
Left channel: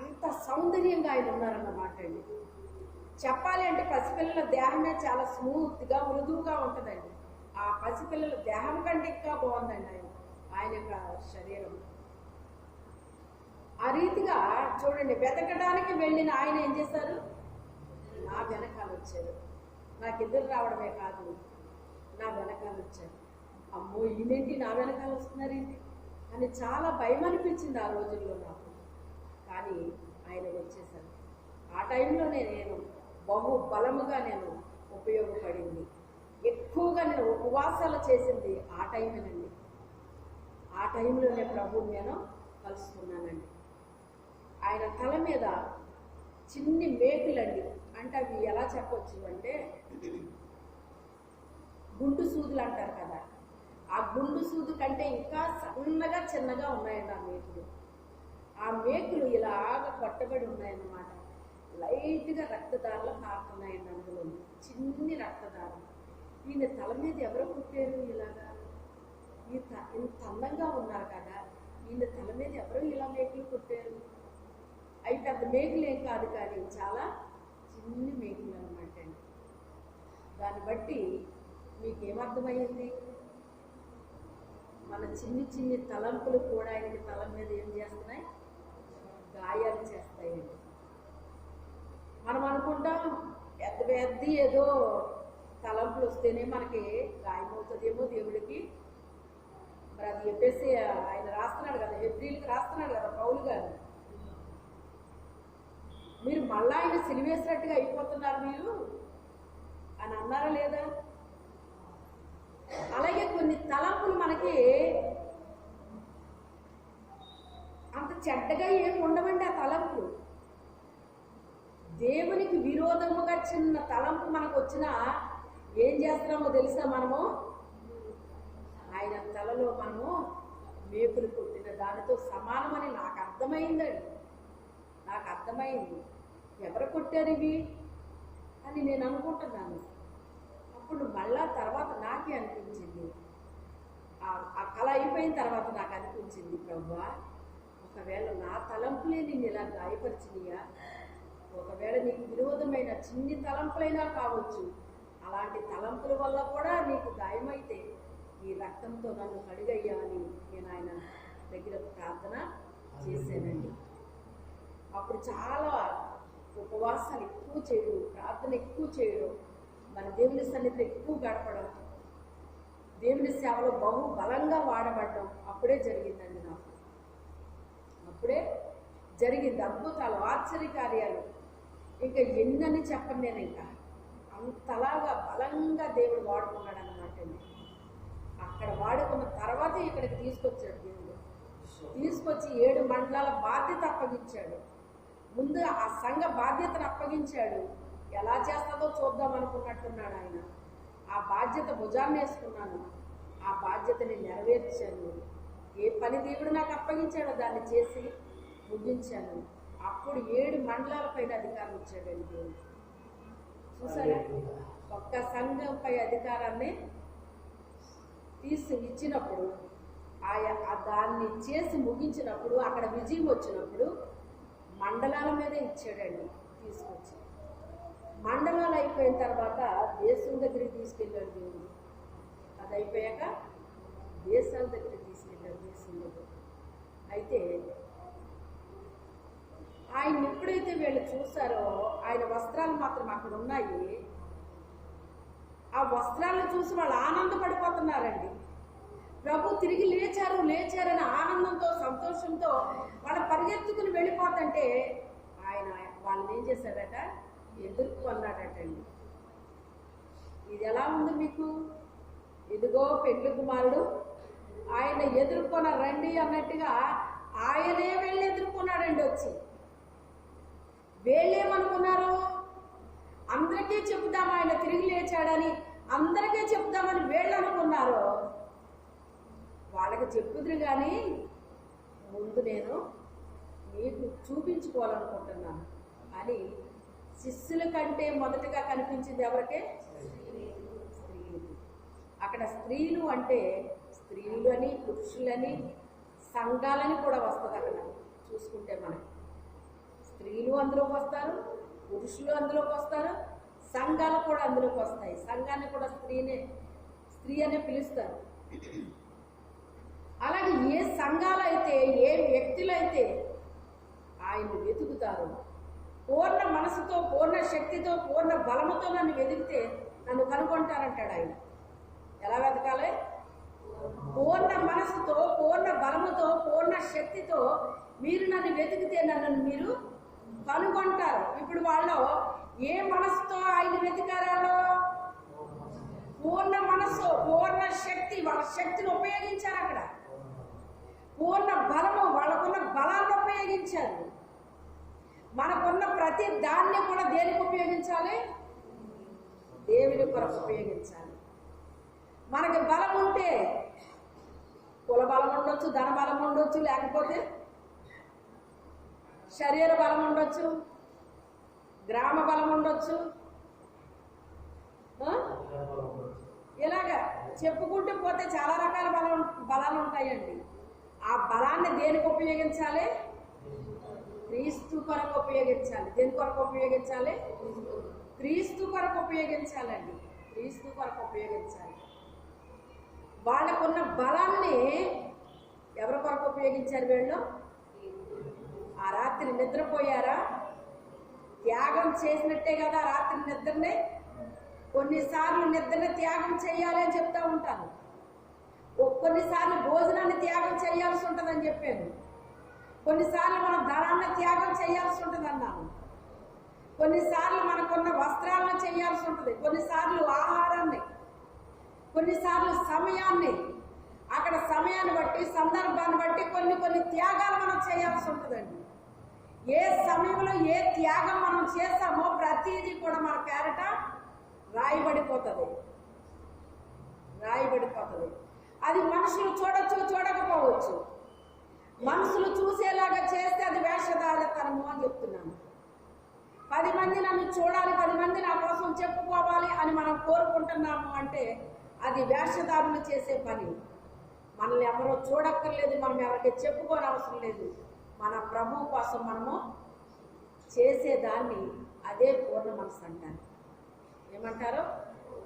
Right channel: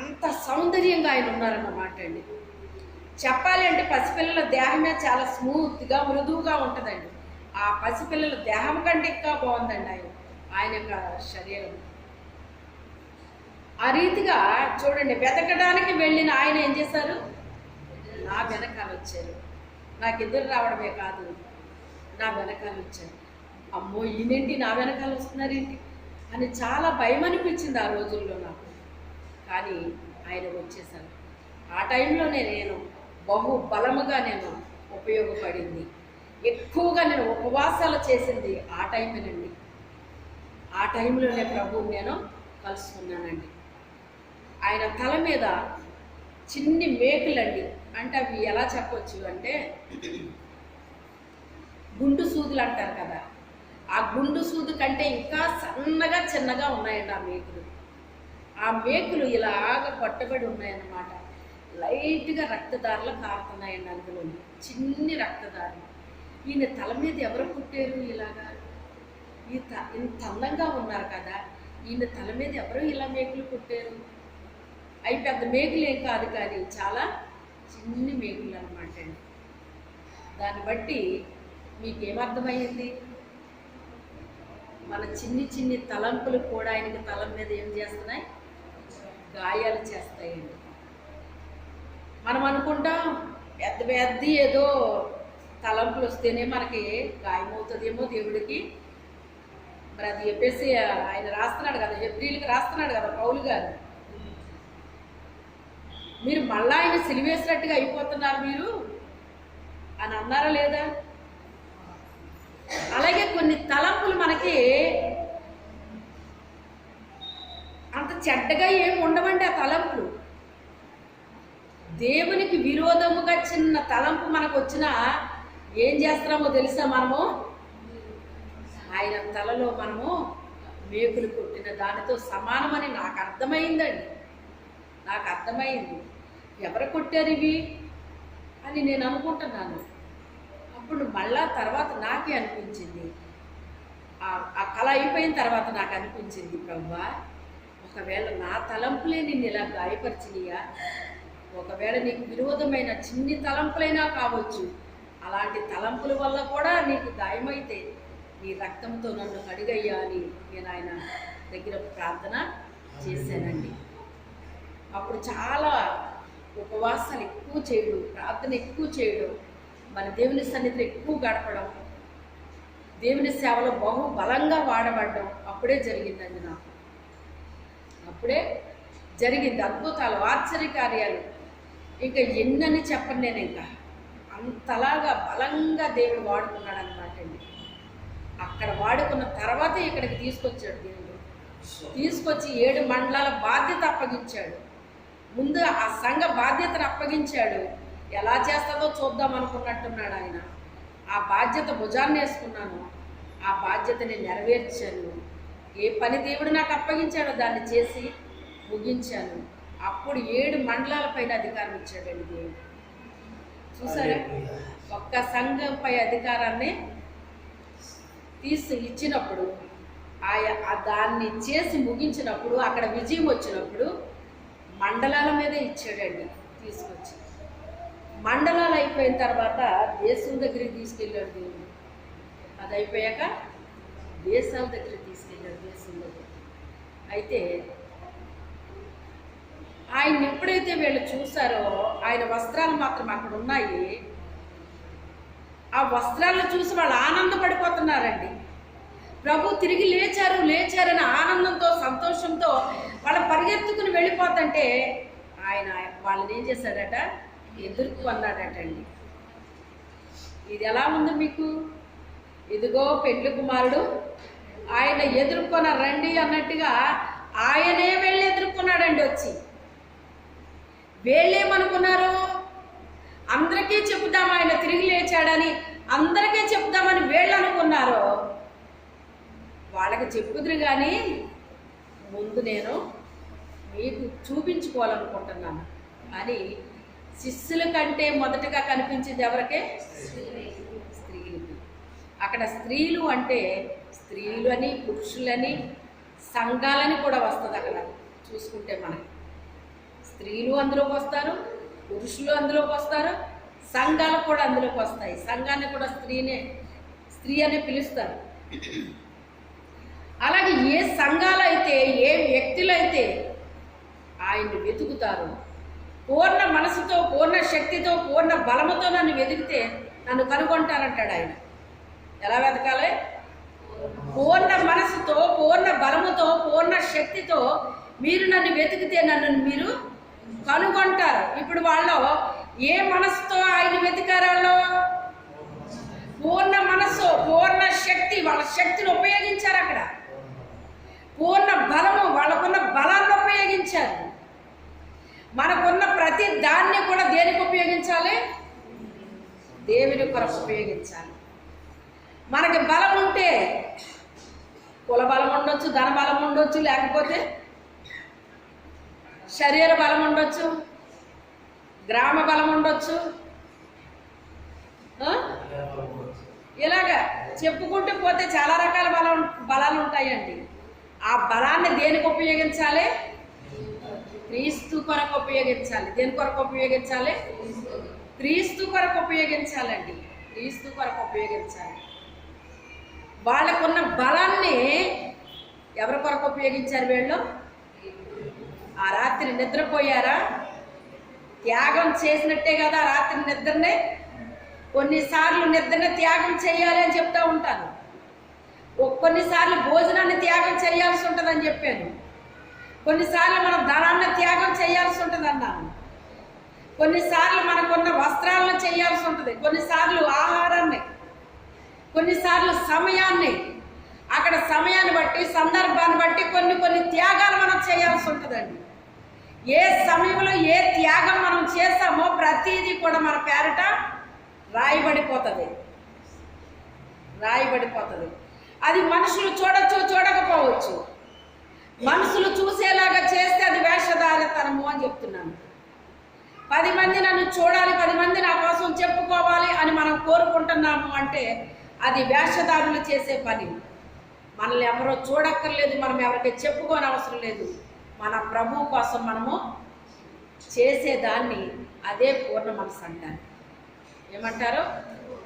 అంత సౌందర్యంగా ఆయన ఉన్నారన్నమాట అండి. చెప్పాలి అంటే పసిపిల్లల దేహమే చాలా స్మూత్గా మృదువుగా ఉంటుందండి. ఆ పసిపిల్లల దేహం కంటే ఇంకా బాగుందండి ఆయన యొక్క శరీరం. ఆ రీతిగా చూడండి, వెతకడానికి వెళ్ళిన ఆయన ఏం చేశారు, నా వెనకాల వచ్చారు. నాకు ఎదురు రావడమే కాదు, నా వెనకాల వచ్చారు. అమ్మో, ఈయనేంటి నా వెనకాల వస్తున్నారేంటి అని చాలా భయం అనిపించింది ఆ రోజుల్లో నాకు. కానీ ఆయన వచ్చేసారు. ఆ టైంలోనే నేను బహు బలముగా నేను ఉపయోగపడింది. ఎక్కువగా నేను ఉపవాసాలు చేసింది ఆ టైమేనండి. ఆ టైంలోనే ప్రభువుని నేను కలుసుకున్నానండి. ఆయన తల మీద చిన్ని మేకులండి, అంటే అవి ఎలా చెప్పొచ్చు అంటే గుండు సూదులు అంటారు కదా, ఆ గుండు సూదు కంటే ఇంకా సన్నగా చిన్నగా ఉన్నాయండి ఆ మేకులు. ఆ మేకులు ఇలాగ పట్టబడి ఉన్నాయన్నమాట. లైట్గా రక్తదారులు కారుతున్నాయండి అందులో, చిన్ని రక్తదారులు. ఈయన తల మీద ఎవరు పుట్టారు ఇలాగా, ఇంత అందంగా ఉన్నారు కదా, ఈయన తల మీద ఎవరు ఇలా మేకులు పుట్టారు? అవి పెద్ద మేకులు ఏం కాదు, కానీ చాలా చిన్ని మేకులు అనమాట అండి. దాన్ని బట్టి మీకేమర్థమయ్యింది? మన చిన్ని చిన్ని తలంపులు కూడా ఆయనకి తలం మీద ఏం చేస్తున్నాయి, గాయాలు చేస్తాయండి. మనం అనుకుంటాం పెద్ద పెద్ద ఏదో తలంపులు వస్తేనే మనకి గాయమవుతుందేమో దేవుడికి. మరి అది చెప్పేసి ఆయన రాస్తున్నాడు కదా, హెబ్రీయులకు రాస్తున్నాడు కదా పౌలు గారు, మీరు మళ్ళా ఆయన సిలివేసినట్టుగా అయిపోతున్నారు మీరు అని అన్నారా లేదా? అలాగే కొన్ని తలంపులు మనకి అంత చెడ్డగా ఏమి ఉండవండి. ఆ తలంపులు దేవునికి విరోధముగా చిన్న తలంపు మనకు వచ్చినా ఏం చేస్తున్నామో తెలుసా, మనము ఆయన తలలో మనము మేకులు కొట్టిన దానితో సమానమని నాకు అర్థమైందండి. నాకు అర్థమైంది ఎవరు కొట్టారు ఇవి అని నేను అనుకుంటున్నాను. అప్పుడు మళ్ళా తర్వాత నాకే అనిపించింది, ఆ కళ అయిపోయిన తర్వాత నాకు అనిపించింది, ప్రభువా ఒకవేళ నా తలంపులే నిన్ను ఇలా గాయపరిచినయా, ఒకవేళ నీకు విరోధమైన చిన్ని తలంపులైనా కావచ్చు, అలాంటి తలంపుల వల్ల కూడా నీకు గాయమైతే నీ రక్తంతో నన్ను కడిగయ్యా అని నేను ఆయన దగ్గర ప్రార్థన చేశానండి. అప్పుడు చాలా ఉపవాసాలు ఎక్కువ చేయడం, ప్రార్థన ఎక్కువ చేయడం, మన దేవుని సన్నిధిలో ఎక్కువ గడపడం, దేవుని సేవలో బహు బలంగా వాడబడ్డం అప్పుడే జరిగిందండి నాకు. అప్పుడే జరిగింది అద్భుతాలు, ఆశ్చర్యకార్యాలు. ఇంకా ఎన్నని చెప్పను నేను. ఇంకా అంతలాగా బలంగా దేవుడు వాడుకున్నాడు అనమాట అండి. అక్కడ వాడుకున్న తర్వాత ఇక్కడికి తీసుకొచ్చాడు దేవుడు. తీసుకొచ్చి 7 మండలాల బాధ్యత అప్పగించాడు. ముందు ఆ సంఘ బాధ్యతను అప్పగించాడు. ఎలా చేస్తుందో చూద్దాం అనుకున్నట్టున్నాడు ఆయన. ఆ బాధ్యత భుజాన్ని వేసుకున్నాను, ఆ బాధ్యతని నెరవేర్చాను. ఏ పని దేవుడు నాకు అప్పగించాడో దాన్ని చేసి ముగించాను. అప్పుడు 7 మండలాలపైన అధికారం ఇచ్చాడండి దేవుడు. చూసారా, ఒక్క సంఘంపై అధికారాన్ని ఇచ్చినప్పుడు దాన్ని చేసి ముగించినప్పుడు అక్కడ విజయం వచ్చినప్పుడు మండలాల మీద ఇచ్చాడండి తీసుకొచ్చి. మండలాలు అయిపోయిన తర్వాత దేశం దగ్గరికి తీసుకెళ్ళాడు దేవుడు. అది అయిపోయాక దేశాల దగ్గరికి తీసుకెళ్ళాడు, దేశం దగ్గర. అయితే ఆయన ఎప్పుడైతే వీళ్ళు చూసారో ఆయన వస్త్రాలు మాత్రం అక్కడ ఉన్నాయి. ఆ వస్త్రాలను చూసి వాళ్ళు ఆనందపడిపోతున్నారండి. ప్రభు తిరిగి లేచారని ఆనందంతో సంతోషంతో వాళ్ళు పరిగెత్తుకుని వెళ్ళిపోతుంటే ఆయన వాళ్ళని ఏం చేశాడట, ఎదుర్కొన్నాడటండి. ఇది ఎలా ఉంది మీకు? ఇదిగో పెండ్లి కుమారుడు, ఆయన ఎదుర్కొన్న రండి అన్నట్టుగా ఆయనే వెళ్ళి ఎదుర్కొన్నాడండి. వచ్చి వీళ్ళేమనుకున్నారు, అందరికీ చెప్దాం ఆయన తిరిగి లేచాడని, అందరికీ చెప్దామని వీళ్ళు అనుకున్నారు. వాళ్ళకి చెప్పుదురు కానీ ముందు నేను మీకు చూపించుకోవాలనుకుంటున్నాను అని శిష్యుల కంటే మొదటగా కనిపించింది ఎవరికే? స్త్రీలకి. అక్కడ స్త్రీలు అంటే స్త్రీలు అని, పురుషులని, సంఘాలని కూడా వస్తుంది. అక్కడ చూసుకుంటే మనకి స్త్రీలు అందులోకి వస్తారు, పురుషులు అందులోకి వస్తారు, సంఘాలు కూడా అందులోకి వస్తాయి. సంఘాన్ని కూడా స్త్రీ అనే పిలుస్తారు. అలాగే ఏ సంఘాలు అయితే, ఏ వ్యక్తులు అయితే ఆయన్ని వెతుకుతారు, పూర్ణ మనసుతో, పూర్ణ శక్తితో, పూర్ణ బలముతో నన్ను వెతికితే నన్ను కనుగొంటారంటాడు ఆయన. ఎలా వెతకాలి? పూర్ణ మనసుతో, పూర్ణ బలముతో, పూర్ణ శక్తితో మీరు నన్ను వెతికితే నన్ను మీరు కనుగొంటారు. ఇప్పుడు వాళ్ళు ఏ మనసుతో ఆయన వెతికారు? వాళ్ళు పూర్ణ మనసు, పూర్ణ శక్తి, వాళ్ళ శక్తిని ఉపయోగించారు. అక్కడ పూర్ణ బలము, వాళ్ళకున్న బలాన్ని ఉపయోగించారు. మనకున్న ప్రతి దాన్ని కూడా దేనికి ఉపయోగించాలి? దేవుని కొరకు ఉపయోగించాలి. మనకి బలం ఉంటే కుల బలం ఉండొచ్చు, ధన బలం ఉండొచ్చు, లేకపోతే శరీర బలం ఉండొచ్చు, గ్రామ బలం ఉండొచ్చు, ఇలాగా చెప్పుకుంటూ పోతే చాలా రకాల బలాలు ఉంటాయండి. ఆ బలాన్ని దేనికి ఉపయోగించాలి? క్రీస్తు కొరకు ఉపయోగించాలి. దేని కొరకు ఉపయోగించాలి? క్రీస్తు కొరకు ఉపయోగించాలండి. క్రీస్తు కొరకు ఉపయోగించాలి. వాళ్ళకున్న బలాన్ని ఎవరి కొరకు ఉపయోగించారు వీళ్ళు? ఆ రాత్రి నిద్రపోయారా? త్యాగం చేసినట్టే కదా రాత్రి నిద్రనే. కొన్నిసార్లు నిద్రని త్యాగం చేయాలి అని చెప్తూ ఉంటాను. కొన్నిసార్లు భోజనాన్ని త్యాగం చేయాల్సి ఉంటుందని చెప్పాను. కొన్నిసార్లు మనం ధనాన్ని త్యాగం చేయాల్సి ఉంటుంది అన్నాను. కొన్నిసార్లు మనకున్న వస్త్రాలను చేయాల్సి ఉంటుంది, కొన్నిసార్లు ఆహారాన్ని, కొన్నిసార్లు సమయాన్ని. అక్కడ సమయాన్ని బట్టి, సందర్భాన్ని బట్టి కొన్ని త్యాగాలు మనం చేయాల్సి ఉంటుందండి. ఏ సమయంలో ఏ త్యాగం మనం చేస్తామో ప్రతిదీ కూడా మన పేరట రాయబడిపోతుంది. అది మనుషులు చూడొచ్చు, చూడకపోవచ్చు. మనుషులు చూసేలాగా చేస్తే అది వేషధారితనము అని చెప్తున్నాను. 10 మంది నన్ను చూడాలి, 10 మంది నా కోసం చెప్పుకోవాలి అని మనం కోరుకుంటున్నాము అంటే అది వేషధారులు చేసే పని. మనల్ని ఎవరో చూడక్కర్లేదు, మనం ఎవరికి చెప్పుకోని అవసరం లేదు. మన ప్రభు కోసం మనము చేసేదాన్ని అదే పూర్ణ మనసు అంటారు. ఏమంటారు?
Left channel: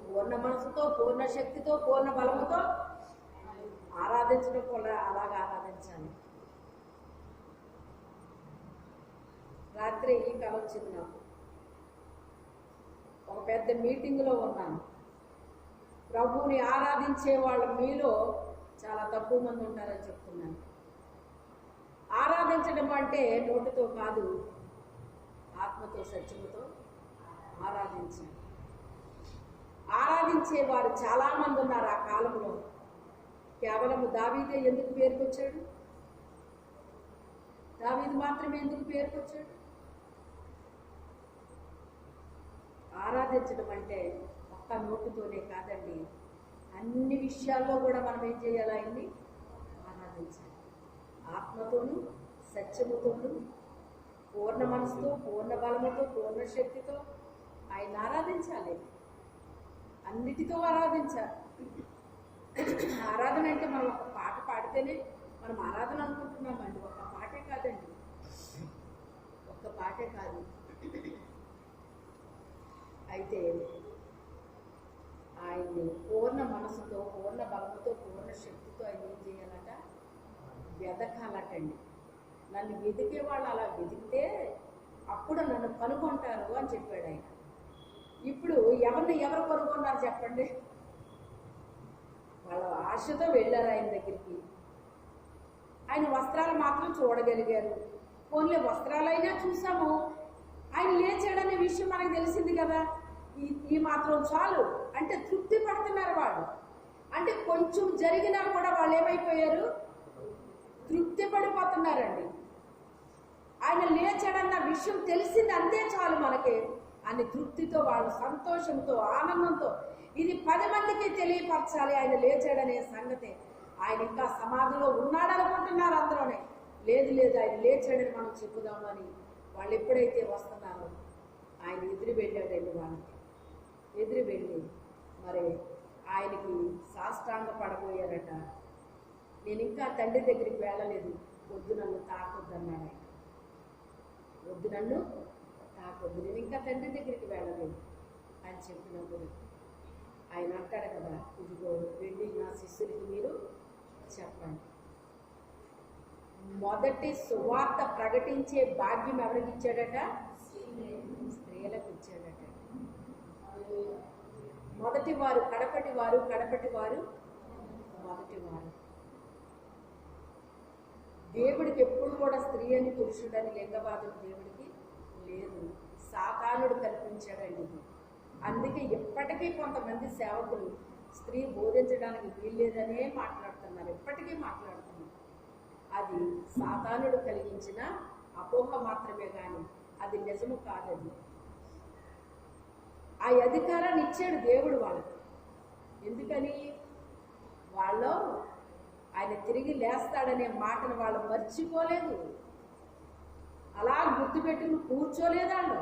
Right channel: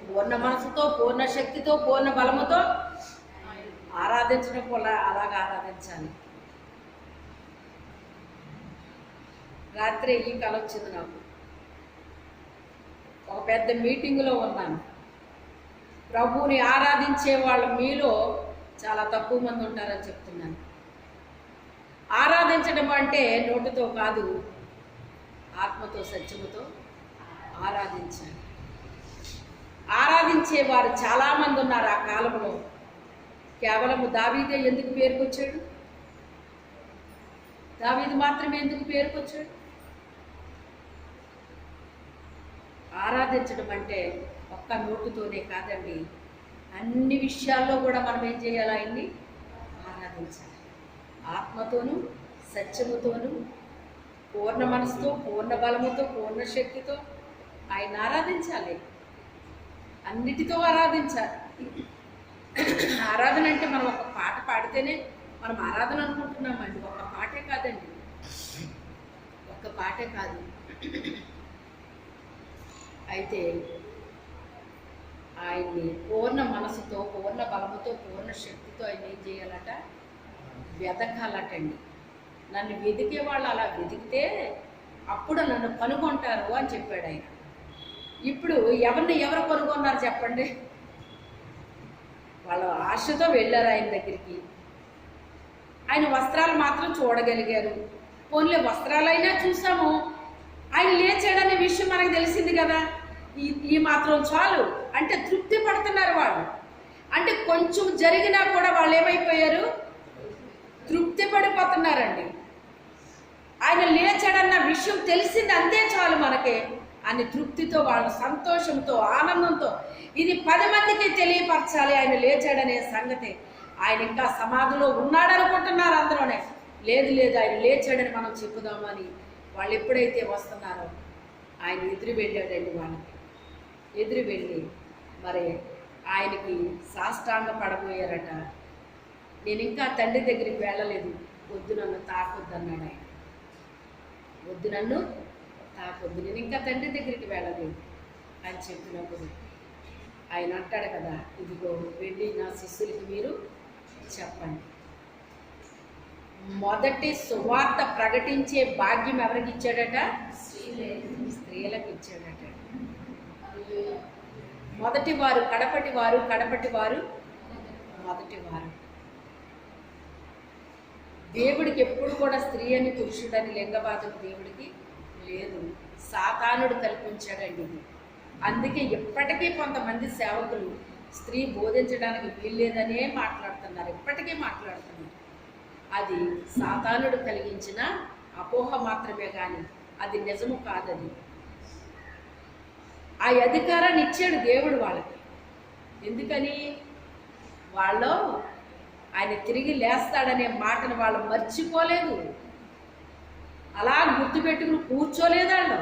పూర్ణ మనసుతో, పూర్ణ శక్తితో, పూర్ణ బలముతో ఆరాధించడం కూడా అలాగా ఆరాధించాలి. రాత్రి ఈ కల వచ్చింది నాకు. ఒక పెద్ద మీటింగులో ఉన్నాను. ప్రభువుని ఆరాధించే వాళ్ళు మీలో చాలా తక్కువ మంది ఉంటారని చెప్తున్నాను. ఆరాధించడం అంటే నోటితో కాదు, ఆత్మతో, సత్యముతో ఆరాధించాలి. ఆరాధించేవారు చాలామంది ఉన్నారు ఆ కాలంలో. కేవలము దావీదే ఎందుకు పేరుకొచ్చాడు? దావీదు మాత్రమే ఎందుకు పేరుకొచ్చాడు? ఆరాధించడం అంటే ఒక్క నోటుతోనే కాదండి, అన్ని విషయాల్లో కూడా మనం ఏం చేయాలి? ఆయన్ని ఆరాధించాలి. ఆత్మతోనూ సత్యముతోనూ పూర్ణ మనసుతో, పూర్ణ బలముతో, పూర్ణ శక్తితో ఆయన ఆరాధించాలి. అన్నిటితో ఆరాధించాలి. ఆరాధన అంటే మనం ఒక పాట పాడితేనే మనం ఆరాధన అనుకుంటున్నామండి. ఒక్క పాటే కాదండి, ఒక్క పాటే కాదు. అయితే ఆయన్ని పూర్ణ మనసుతో, పూర్ణ బలముతో, పూర్ణ శక్తితో ఆయన ఏం చేయాలట? వెతకాలటండి. నన్ను వెతికే వాళ్ళు అలా వెతికితే అప్పుడు నన్ను కనుగొంటారు అని చెప్పాడు ఆయన. ఇప్పుడు ఎవరు కనుగొన్నారు చెప్పండి? వాళ్ళ ఆశతో వెళ్ళారు ఆయన దగ్గరికి. ఆయన వస్త్రాలు మాత్రం చూడగలిగారు. పోన్లే వస్త్రాలైనా చూసాము, ఆయన లేచాడనే విషయం మనకు తెలిసింది కదా, ఈ మాత్రం చాలు అంటే తృప్తి పడుతున్నారు వాళ్ళు. అంటే కొంచెం జరిగినా కూడా వాళ్ళు ఏమైపోయారు? తృప్తి పడిపోతున్నారండి. ఆయన లేచాడన్న విషయం తెలిసింది, అంతే చాలు మనకి అని తృప్తితో, వాళ్ళు సంతోషంతో, ఆనందంతో ఇది 10 మందికి తెలియపరచాలి ఆయన లేచాడనే సంగతి. ఆయన ఇంకా సమాధిలో ఉన్నాడనుకుంటున్నారు అందరూనే. లేదు ఆయన లేచాడని మనం చెప్పుదామని వాళ్ళు ఎప్పుడైతే వస్తున్నారో ఆయన ఎదురు వెళ్ళాడండి. వాళ్ళకి ఎదురు వెళ్ళి మరి ఆయనకి సాష్టాంగ పడబోయారట. నేను ఇంకా తండ్రి దగ్గరికి వెళ్ళలేదు, వద్దు నన్ను తాకొద్దు అన్నాడు ఆయన. వద్దు నన్ను తాకొద్దు, నేను ఇంకా తండ్రి దగ్గరికి వెళ్ళలేదు అని చెప్పినప్పుడు ఆయన అంటాడు కదా, ఇదిగో వెళ్ళి నా శిష్యులకి మీరు చెప్పండి. మొదటి సువార్త ప్రకటించే భాగ్యం ఎవరికి ఇచ్చాడట? స్త్రీలకు ఇచ్చాడట. మొదటి వారు కడపటి వారు, కడపటి వారు మొదటి వారు. దేవుడికి ఎప్పుడు కూడా స్త్రీ అని పురుషుడని లింగవాదం దేవుడికి లేదు, సాతానుడు కల్పించాడండి ఇది. అందుకే ఇప్పటికీ కొంతమంది సేవకులు స్త్రీ బోధించడానికి వీల్లేదనే మాట్లాడుతున్నారు, ఇప్పటికీ మాట్లాడుతున్నారు. అది సాతానుడు కలిగించిన అపోహ మాత్రమే కానీ అది నిజము కాదది. ఆ అధికారాన్ని ఇచ్చాడు దేవుడు వాళ్ళకి. ఎందుకని? వాళ్ళు ఆయన తిరిగి లేస్తాడనే మాటను వాళ్ళు మర్చిపోలేదు, అలా గుర్తుపెట్టుకుని కూర్చోలేదు. వాళ్ళు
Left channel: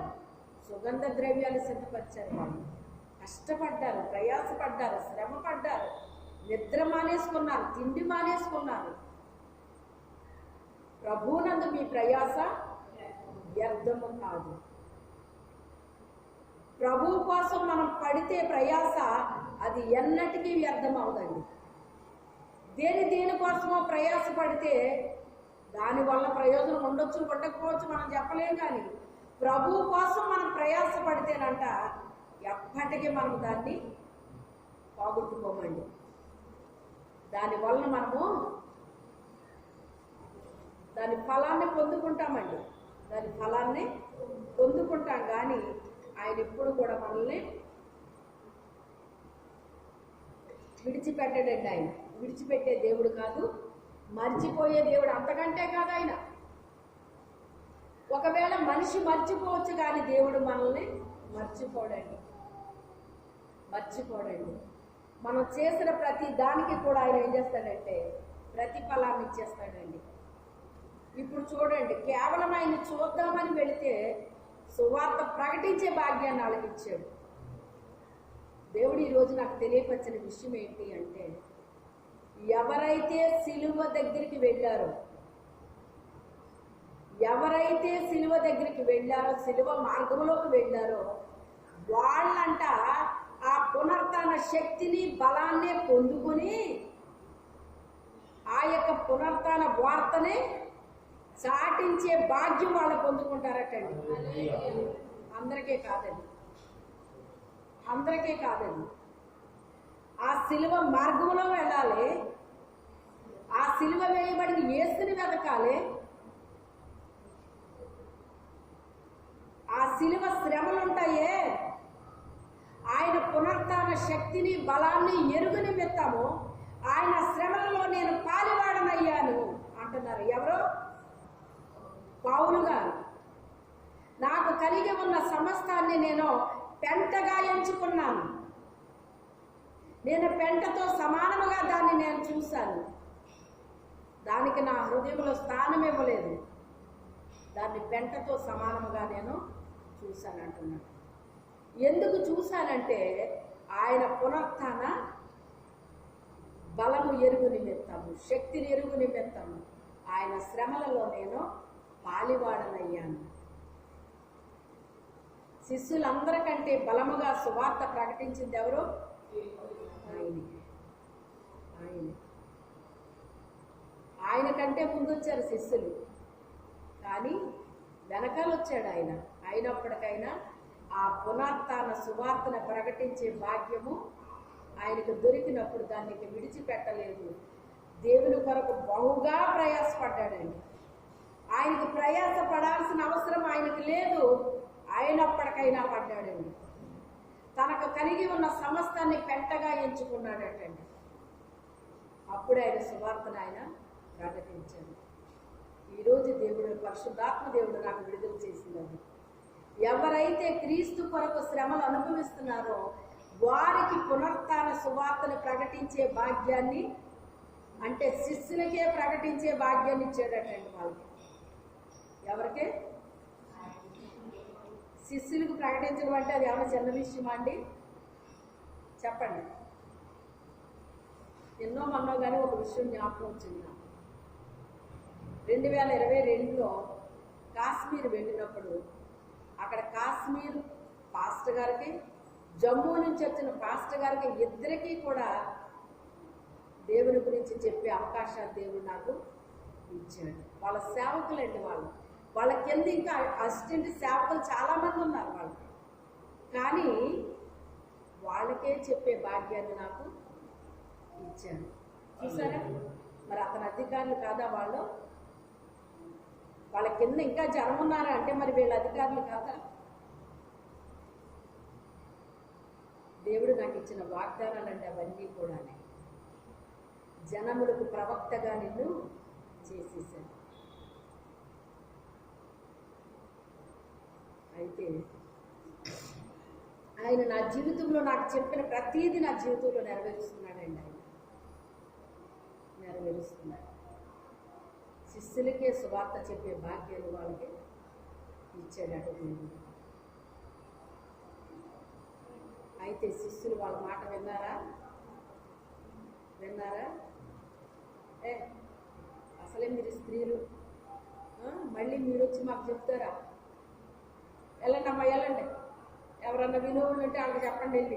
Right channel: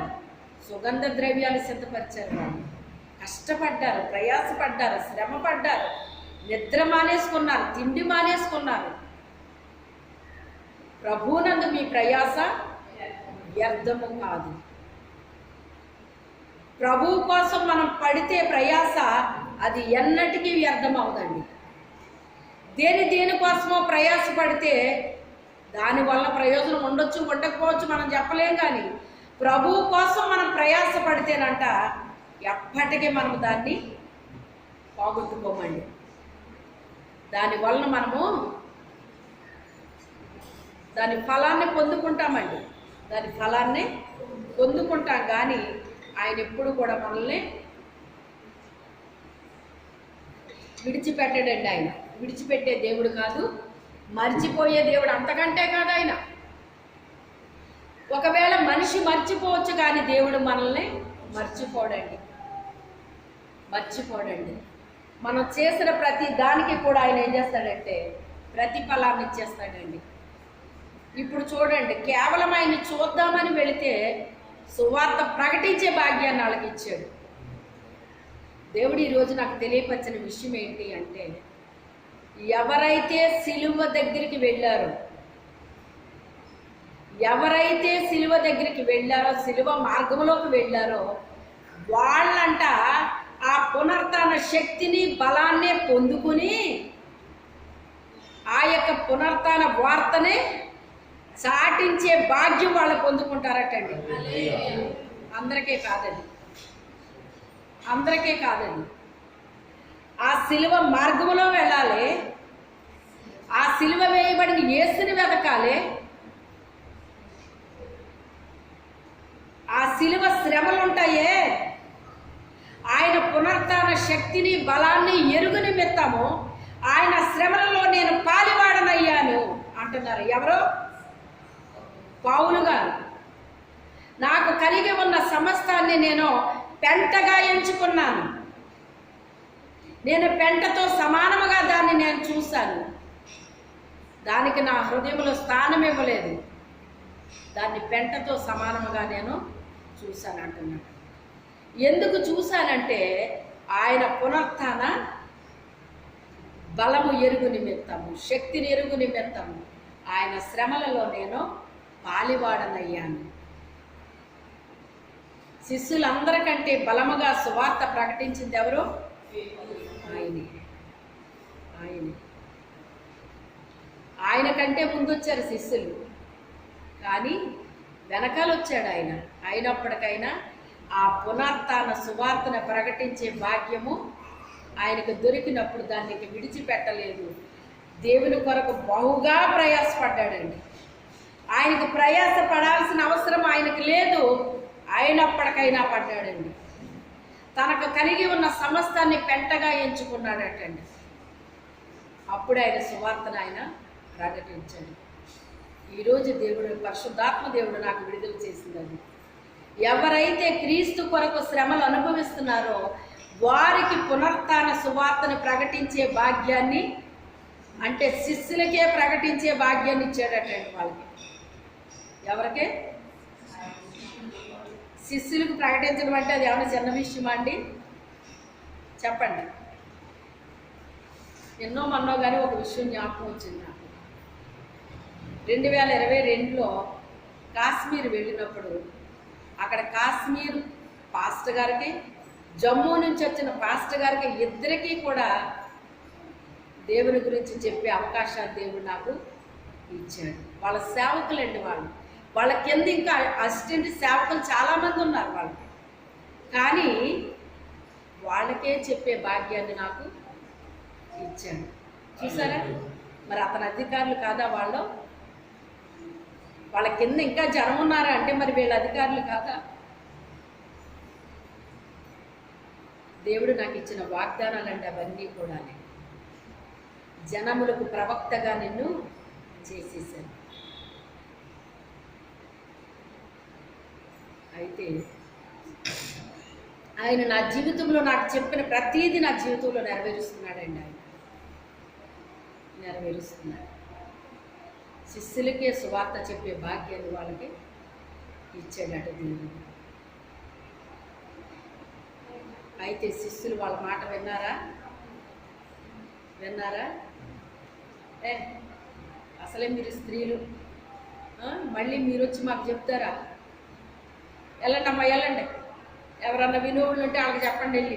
సుగంధ ద్రవ్యాలు సిద్ధపరిచారు, వాళ్ళు కష్టపడ్డారు, ప్రయాసపడ్డారు, శ్రమ పడ్డారు, నిద్ర మానేసుకున్నారు, తిండి మానేసుకున్నారు. ప్రభువునందు మీ ప్రయాస వ్యర్థము కాదు. ప్రభువు కోసం మనం పడితే ప్రయాస అది ఎన్నటికీ వ్యర్థం అవదండి. దేనికోసమో ప్రయాస పడితే దానివల్ల ప్రయోజనం ఉండొచ్చు, ఉండకపోవచ్చు, మనం చెప్పలేం. కానీ ప్రభువు కోసం మనం ప్రయాస పడితేనంట ఎప్పటికీ మనం దాన్ని పోగొట్టుకోమండి. దానివల్ల మనము దాని ఫలాన్ని పొందుకుంటామండి, దాని ఫలాన్ని పొందుకుంటాం. కానీ ఆయన ఎప్పుడు కూడా మనల్ని విడిచిపెట్టాడండి. ఆయన విడిచిపెట్టే దేవుడు కాదు, మర్చిపోయే దేవుడు అంతకంటే కాదు ఆయన. ఒకవేళ మనిషి మర్చిపోవచ్చు కానీ దేవుడు మనల్ని మర్చిపోడండి. మనం చేసిన ప్రతి దానికి కూడా ఆయన ఏం చేస్తాడంటే ప్రతిఫలాన్ని ఇచ్చేస్తాడండి. ఇప్పుడు చూడండి, కేవలం ఆయన్ని చూద్దామని వెళితే సువార్త ప్రకటించే భాగ్యాన్ని వాళ్ళకి ఇచ్చాడు దేవుడు. ఈరోజు నాకు తెలియపరిచిన విషయం ఏంటి అంటే, ఎవరైతే సిలువ దగ్గరికి వెళ్ళారో, సిలువ మార్గంలోకి వెళ్ళారో వాళ్ళంట ఆ పునరుత్థాన శక్తిని, బలాన్ని పొందుకుని ఆ యొక్క పునరుత్థాన వార్తని చాటించే భాగ్యం వాళ్ళు పొందుకుంటారటండి. అందరికీ కాదండి. ఆ సిలువ మార్గంలో వెళ్ళాలి, ఆ సిలువ వేయబడిన యేసుని వెతకాలి, ఆ సిలువ శ్రమలు ఉంటాయే, ఆయన పునరుత్థాన శక్తిని, బలాన్ని ఎరుగు నిమిత్తము ఆయన శ్రమలలో నేను పాలివాడనయ్యాను అంటున్నారు. ఎవరో? పౌలు గారు. నాకు కలిగి ఉన్న సమస్తాన్ని నేను పెంటగా ఎంచుకున్నాను. నేను పెంటతో సమానముగా దాన్ని నేను చూశాను. దానికి నా హృదయంలో స్థానం ఇవ్వలేదు. దాన్ని పెంటతో సమానముగా నేను చూశాను అంటున్నాను. ఎందుకు చూశానంటే ఆయన పునరుత్థాన బలము ఎరుగు నిమిత్తము, శక్తిని ఎరుగు నిమిత్తము ఆయన శ్రమలలో నేను పాలివాడనయ్యాను. శిష్యులందరికంటే బలముగా సువార్త ప్రకటించింది ఎవరు? ఆయనే. ఆయనే. ఆయన కంటే ముందు వచ్చారు శిష్యులు, కానీ వెనకాల వచ్చాడు ఆయన. అయినప్పటికైనా ఆ పునరుత్థాన సువార్తను ప్రకటించే భాగ్యము ఆయనకు దొరికినప్పుడు దాన్ని విడిచిపెట్టలేదు. దేవుని కొరకు బహుగా ప్రయాసపడ్డాడండి. ఆయనకు ప్రయాస పడాల్సిన అవసరం ఆయనకు లేదు, అయినప్పటికైనా పడ్డాడండి. తనకు కలిగి ఉన్న సమస్తాన్ని పెంటగా ఎంచుకున్నాడటండి. అప్పుడు ఆయన సువార్తను ఆయన ప్రకటించాడు. ఈరోజు దేవుడు, పరిశుద్ధాత్మ దేవుడు నాకు విడుదల చేసింది. ఎవరైతే క్రీస్తు కొరకు శ్రమలు అనుభవిస్తున్నారో వారికి పునరుత్థాన సువార్తను ప్రకటించే భాగ్యాన్ని, అంటే శిష్యులకే ప్రకటించే భాగ్యాన్ని ఇచ్చాడటండి. వాళ్ళకి, ఎవరికే? శిష్యులకు ప్రకటించడం అంటే అది ఏమైనా చిన్న విషయమా అండి? చెప్పండి. ఎన్నో మన్నో కానీ ఒక విషయం జ్ఞాపకం వచ్చింది నాకు. 2022లో కాశ్మీర్ వెళ్ళినప్పుడు అక్కడ కాశ్మీర్ పాస్టర్ గారికి, జమ్మూ నుంచి వచ్చిన పాస్టర్ గారికి ఇద్దరికీ కూడా దేవుని గురించి చెప్పే అవకాశాలు దేవుడు నాకు ఇచ్చాడు. వాళ్ళ సేవకులండి. వాళ్ళ కింద ఇంకా అసిస్టెంట్ సేవకులు చాలామంది ఉన్నారు వాళ్ళకి, కానీ వాళ్ళకే చెప్పే భాగ్యాన్ని నాకు ఇచ్చాడు. చూసారా? మరి అతని అధికారులు కాదా వాళ్ళు? వాళ్ళ కింద ఇంకా జనం ఉన్నారా అంటే మరి వీళ్ళ అధికారులు కాదా? దేవుడు నాకు ఇచ్చిన వాగ్దానాలండి అవన్నీ కూడా. జనములకు ప్రవక్తగా నిన్ను చేసేసాను. అయితే ఆయన నా జీవితంలో నాకు చెప్పిన ప్రతీది నా జీవితంలో నెరవేరుస్తున్నాడండి. ఆయన నెరవేరుస్తున్నాడు. శిష్యులకే సువార్త చెప్పే భాగ్యాన్ని వాళ్ళకి ఇచ్చాడట దేవుడు. అయితే శిష్యులు వాళ్ళ మాట విన్నారా? అసలే మీరు స్త్రీలు, మళ్ళీ మీరు వచ్చి మాకు చెప్తారా? వెళ్ళండి అమ్మా, వెళ్ళండి, ఎవరన్నా వినోళ్ళు ఉంటే వాళ్ళకి చెప్పండి వెళ్ళి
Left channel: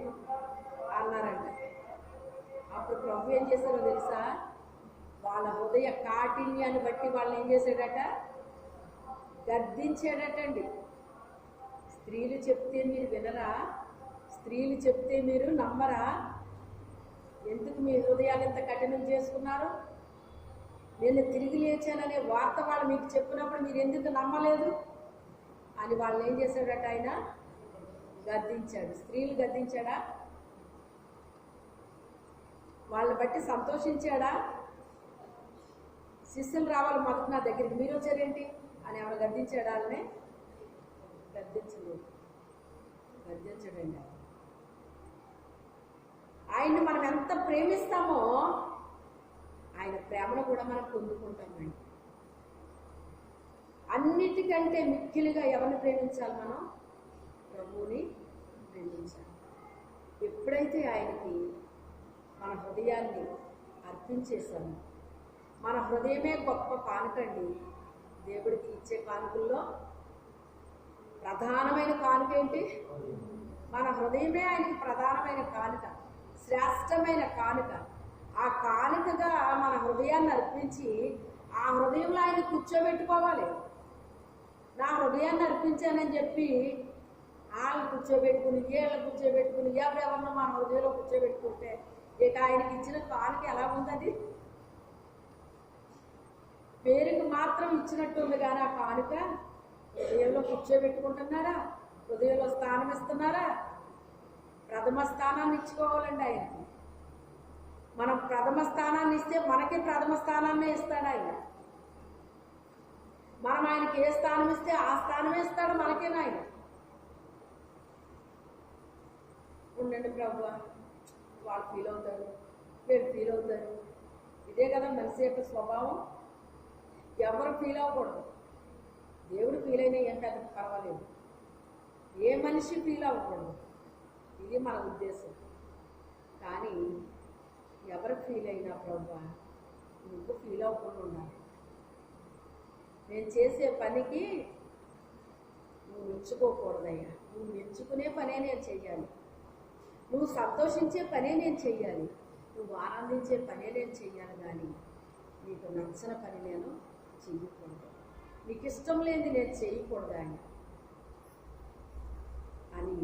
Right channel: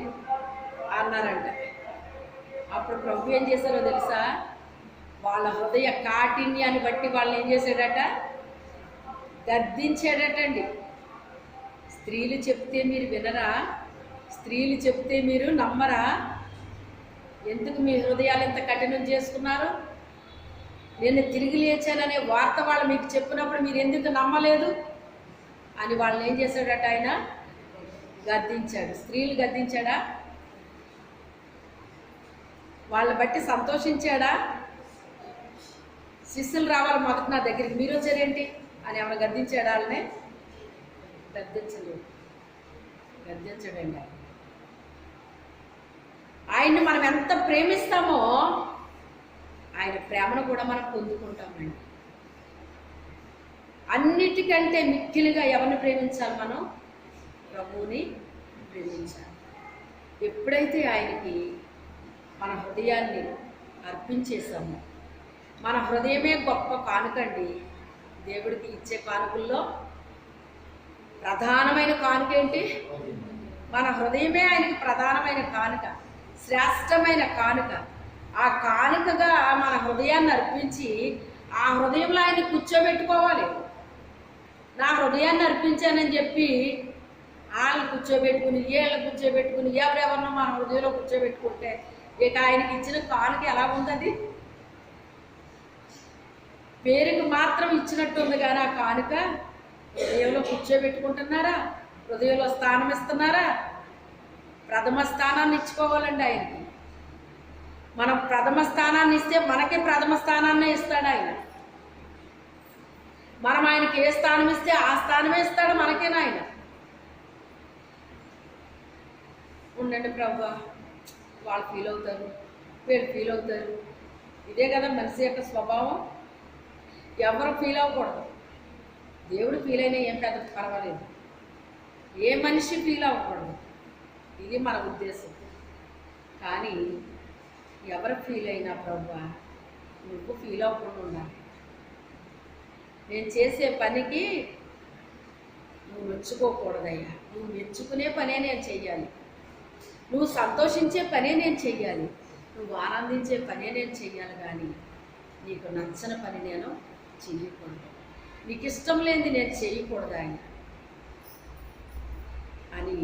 అన్నారంట. అప్పుడు ప్రభు ఏం చేశారో తెలుసా? వాళ్ళ హృదయ కాఠిన్యాన్ని బట్టి వాళ్ళని ఏం చేశాడట? గద్దించాడటండి. స్త్రీలు చెప్తే మీరు వినరా? స్త్రీలు చెప్తే మీరు నమ్మరా? ఎందుకు మీ హృదయాలు ఎంత కఠినం చేసుకున్నారు? నేను తిరిగి లేచాననే వార్త వాళ్ళు మీకు చెప్పినప్పుడు మీరు ఎందుకు నమ్మలేదు అని వాళ్ళని ఏం చేశాడట? ఆయన గద్దించాడు. స్త్రీలు గద్దించాడా? వాళ్ళని బట్టి సంతోషించాడా? శిష్యులు రావాలి మొదట నా దగ్గరికి, మీరు వచ్చారేంటి అని ఏమైనా గద్దించాడా? వాళ్ళనే గద్దించడండి. ఆయన్ని మనం ఎంత ప్రేమిస్తామో ఆయన ప్రేమను కూడా మనం పొందుకుంటామండి. అన్నిటికంటే మిక్కిలిగా ఎవరిని ప్రేమించాలి? మనం ప్రభువుని ప్రేమించాలి. ఎప్పుడైతే ఆయనకి మన హృదయాన్ని అర్పించేసామో, మన హృదయమే గొప్ప కానుకండి. దేవుడికి ఇచ్చే కానుకల్లో ప్రధానమైన కానుక ఏంటి? మన హృదయమే ఆయనకి ప్రధానమైన కానుక, శ్రేష్టమైన కానుక. ఆ కానుకగా మన హృదయాన్ని అర్పించి ఆ హృదయంలో ఆయన కూర్చోబెట్టుకోవాలి. నా హృదయాన్ని అర్పించానని చెప్పి వాళ్ళని కూర్చోబెట్టుకుని వీళ్ళని కూర్చోబెట్టుకుని ఎవరెవరినో మన హృదయంలో కూర్చోబెట్టుకుంటే ఇక ఆయనకి ఇచ్చిన కానుక ఎలా ఉంది? పేరుకి మాత్రం ఇచ్చినట్టుంది, కానీ ఆ కానుక హృదయంలో కూర్చోబెట్టుకుంటున్నారా? హృదయంలో స్థానం ఇస్తున్నారా? ప్రథమ స్థానాన్ని ఇచ్చుకోవాలండి ఆయనకి. మనం ప్రథమ స్థానాన్ని ఇస్తే మనకే ప్రథమ స్థానాన్నే ఇస్తాడు ఆయన. మనం ఆయనకి ఏ స్థానం ఇస్తే ఆ స్థానమే ఇస్తాడు మనకేనా ఆయన. ఉండండి ప్రభా, వాళ్ళు ఫీల్ అవుతారు, వీళ్ళు ఫీల్ అవుతారు. ఇదే కదా మనిషి యొక్క స్వభావం. ఎవరు ఫీల్ అవ్వకూడదు. దేవుడు ఫీల్ అయినా ఏం పెద్ద పర్వాలేదు, ఏ మనిషి ఫీల్ అవ్వకూడదు, ఇది మన ఉద్దేశం. కానీ ఎవరు ఫీల్ అయినా ప్రభా నువ్వు ఫీల్ అవ్వకుండా ఉండాలి. నేను చేసే పనికి నువ్వు మెచ్చుకోకూడదయ్యా. నువ్వు మెచ్చుకునే పనే నేను చెయ్యాలి, నువ్వు సంతోషించే పనే నేను చెయ్యాలి, నువ్వు ఆనందించే పనే నేను చెయ్యాలి. కానీ నీకు నచ్చని పని నేను చెయ్యకూడదు, నీకు ఇష్టం లేనిది నేను చేయకూడదు ఆయన అని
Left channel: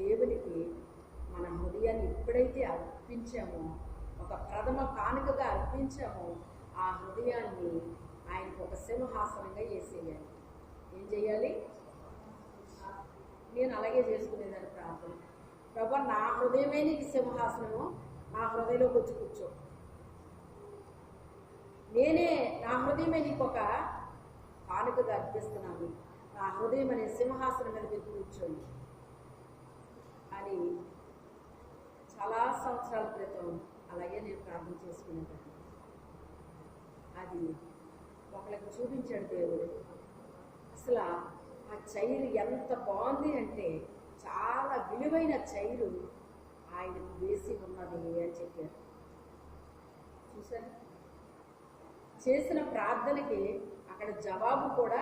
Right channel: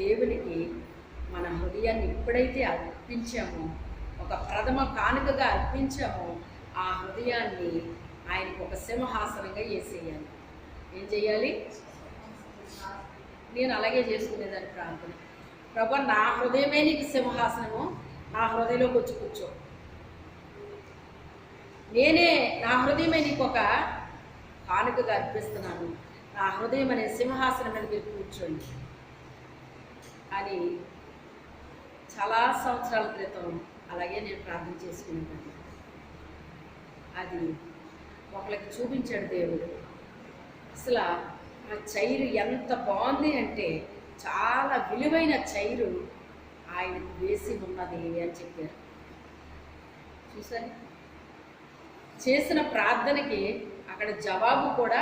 దేవునికి మన హృదయాన్ని ఎప్పుడైతే అర్పించామో, ఒక ప్రథమ కానుకగా అర్పించామో, ఆ హృదయాన్ని ఆయనకు ఒక సింహాసనంగా వేసేయాలి. ఏం చేయాలి? నేను అలాగే చేసుకునేదాన్ని ప్రార్థన. ప్రభా, నా హృదయమే నీకు సింహాసనము, నా హృదయంలోకి వచ్చి కూర్చో. నేనే నా హృదయమే నీకు ఒక కానుకగా అర్పిస్తున్నాను, నా హృదయం అనే సింహాసనం మీద మీరు కూర్చోండి అని చాలా సంవత్సరాల క్రితం అలాగే నేను ప్రార్థన చేసుకునేదాన్ని. అది ఒకళ్ళకి చూపించాడు దేవుడు. అసలు ఆ చైరు ఎంత బాగుంది అంటే, చాలా విలువైన చైరు ఆయనకు వేసి ఉన్నది అని చెప్పారు. చూసాను, చేసిన ప్రార్థనకి అక్కడ జవాబు కూడా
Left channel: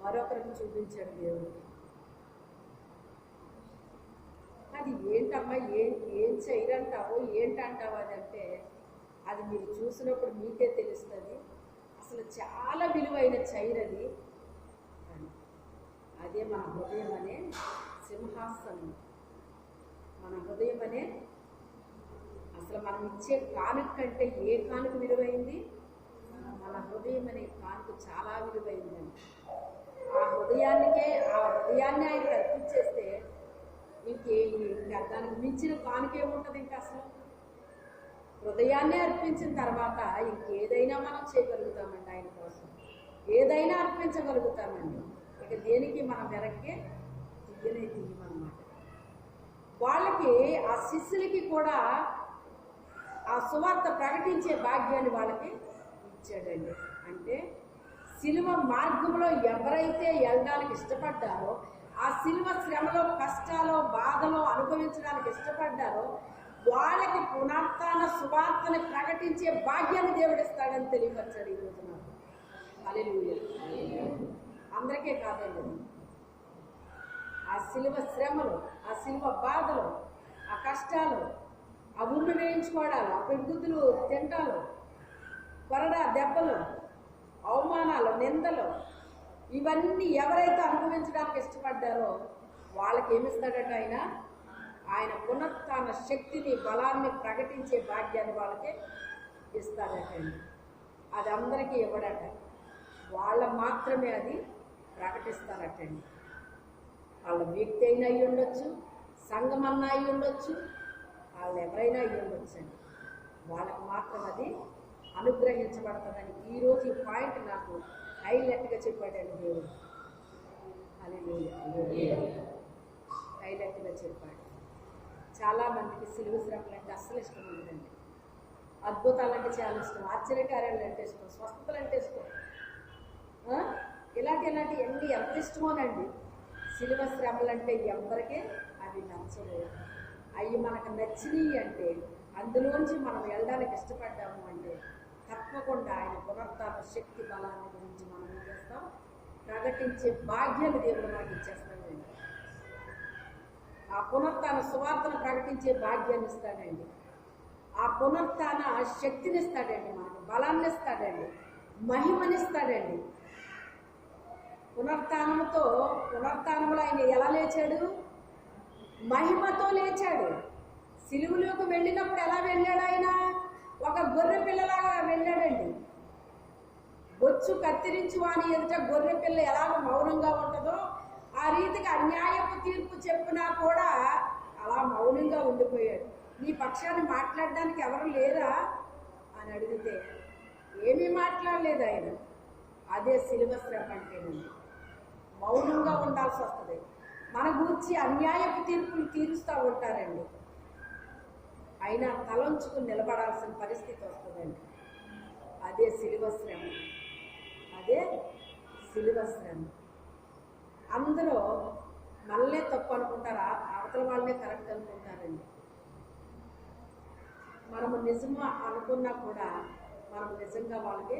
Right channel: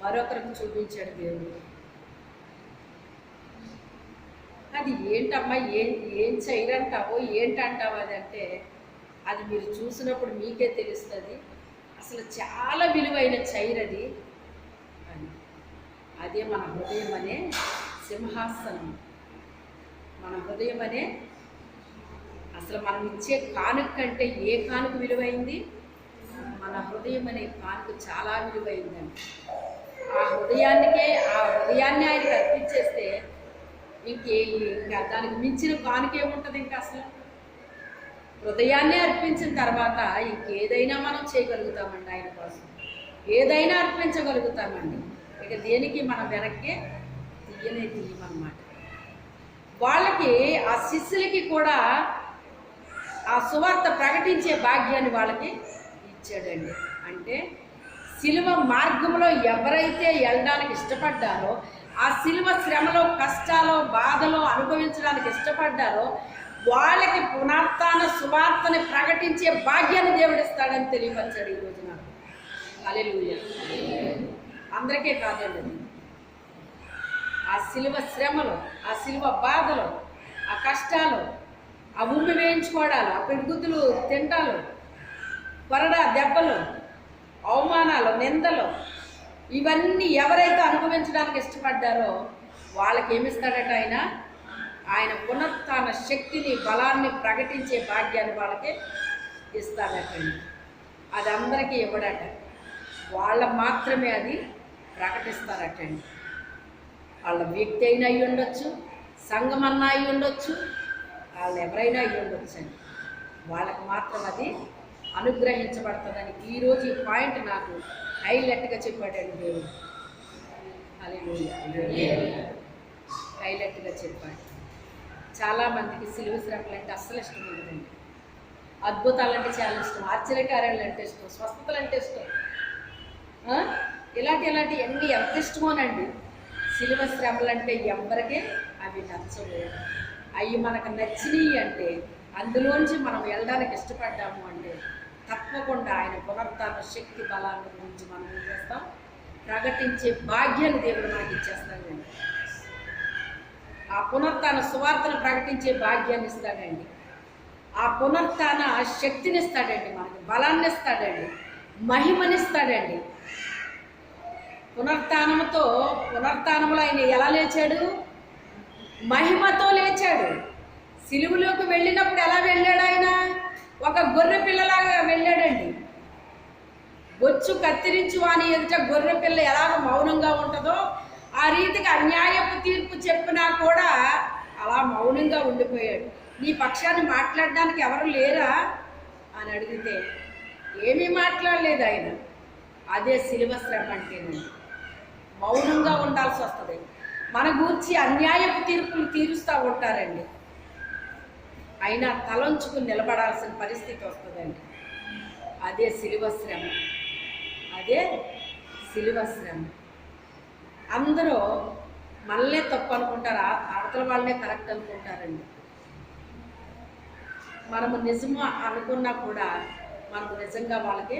మరొకరికి చూపించాడు దేవుడు. అది ఏంటమ్మా, ఏం చైర్ అంటావో ఏంటంటావు అదంటే, అది మీరు చూసినప్పుడు మీకే తెలుస్తుంది. అసలు చాలా విలువైన చైర్ అది. అదే మన హృదయం అనే సింహాసనం. మన హృదయం అనే, అసలు మనం ఇచ్చే కానుక కంటే ఏ కానుక విలువైంది? మన హృదయం అనే కానుక చాలా విలువైందండి. ఆ హృదయాన్ని ఆయనకి అర్పించేస్తే ఇంకా దానికి మించిన కానుక ఏముంటుంది? ఇంకా అసలు హృదయాన్ని అర్పించిన తర్వాత ఇంకేదైనా మనం చేయగలుగుతామండి. ఆయన కోసం ఏదైనా అర్పించగలుగుతామండి. ఇక దేనికి మనం వెనక్కి తీయమన్నమాట. వాళ్ళకి, ఆ శిష్యులకి కూడా ఆ సువార్త ప్రకటించే భాగ్యాన్ని వాళ్ళకి ఇచ్చాడండి. అంటే శిలువ మార్గంలో ఎవరైతే వెళ్ళడానికి ఇష్టపడ్డారో, ఆ శిలువ శ్రమలో, కష్టాలో, బాధలో అనుభవించడానికి ఇష్టపడ్డారో వాళ్ళకి పునరుత్థాన సువార్తని ప్రకటించే భాగ్యాన్ని దేవుడిస్తాడని తెలియపరిచాడు ఈరోజు నాకు. హల్లెలూయా. అందరికీ కాదండి, ఆ శిలువ శ్రమలో, ఆ శిలువ బాధలో, ఆ కష్టాలు, ఆ ఉమ్మి వేయించుకోవడాలు, ఆ పిడుగుద్దులు తింటాలు, కొరడా దెబ్బలు, అవమానాలు, నిందలు, ఇవన్నీ ఎవరైతే అనుభవించడానికి ఇష్టపడ్డారో వాళ్ళకి ఏమిస్తాడట ఆయన పునరుత్థాన శక్తిని, బలాన్ని ప్రకటించే భాగ్యాన్ని వాళ్ళకి ఇస్తాడటండి. అది అందరికీ ఇవ్వడట, వాళ్ళ మాత్రమే అది ప్రకటిస్తారటండి. వాళ్ళ వ్యక్తి అయినా అయి ఉండొచ్చు, సంఘం అన్నా అయి ఉండొచ్చు, వాళ్ళు ఎవరైనా అయి ఉండొచ్చు అండి. వాళ్ళకి మాత్రం అది అనుగ్రహించబడుతుందని ఈరోజు ఈ పాయింట్ నాకు హైలైట్గా చెప్పాడండి దేవుడు. హల్లెలూయా. హైలైట్గా చెప్పాడు. చాలామందికి సిలువ శ్రమలు అంటే అస్సలు ఇష్టం ఉండదండి. అద్భుతాలంటే చాలా ఇష్టం, ఆశ్చర్యకార్యాలు అంటే ఇష్టం, స్వస్థతలు అంటే ఇష్టం, ఇలాంటి అన్నీ ఎంత ఇష్టమోనండి. సిలువ శ్రమలు అంటే ఎవరికీ అవి నచ్చవు. అవి మనకు నచ్చినవి అంటే, అందులోంచి మనం వెళ్ళడానికి ఇష్టపడ్డాము అంటే తప్పకుండా ఆయన పునరుత్థాన శక్తి బలాన్ని గురించి మనం ఏం చేస్తాం? ప్రకటించే భాగ్యాన్ని దేవుడు మనకి ఇచ్చేస్తాడండి. ఆ పునరుత్థాన సువార్తను ప్రకటించే భాగ్యాన్ని ఇస్తాడండి. ఆ పునరుత్థాన శక్తిని ఇస్తాడండి, మనకు బలాన్ని ఇస్తాడండి, మహిమనిస్తాడండి. పునరుత్థానంలో ఆయన ఎలా లేచాడు? మహిమతో లేచాడు. సిలువలోకి వెళ్ళినప్పుడు ఎలా వెళ్ళాడు? ఆయన ఒక గొర్రె పిల్లలాగా వెళ్ళాడండి. బొచ్చు కత్తిరించు అని ఎదుట గొర్రె పిల్ల ఎలాగ మౌనంగా ఉంటుందో, ఆ రీతిగా అన్యాయపు తీర్పు చెప్పినా కూడా అలా మౌనంగా ఉండిపోయాడు. నీ పక్షాన్ని మాట్లాడడానికి ఎవరు లేరా అని అడిగితే ఏమీ మాట్లాడలేదు ఆయన. అదే సిలువ శ్రమ అంటేనండి. మౌనంగా ఉండాల్సి వస్తుంది. మన గూర్చి అన్యాయపు తీర్పులు తీరుస్తూ ఉంటారండి. అయినా తలంచుకుని నిలబడాల్సిన పరిస్థితి వస్తుందండి. అదే సిలువ శ్రమ, అదే సిలువ శ్రమ. అందరూ మనల్నే తప్పు అనుకుంటారు, అవతల వాళ్ళనే కరెక్ట్ అనుకుంటారండి. మనము నిజము అనుకున్నా కూడా మనము నిజంగా వాళ్ళకి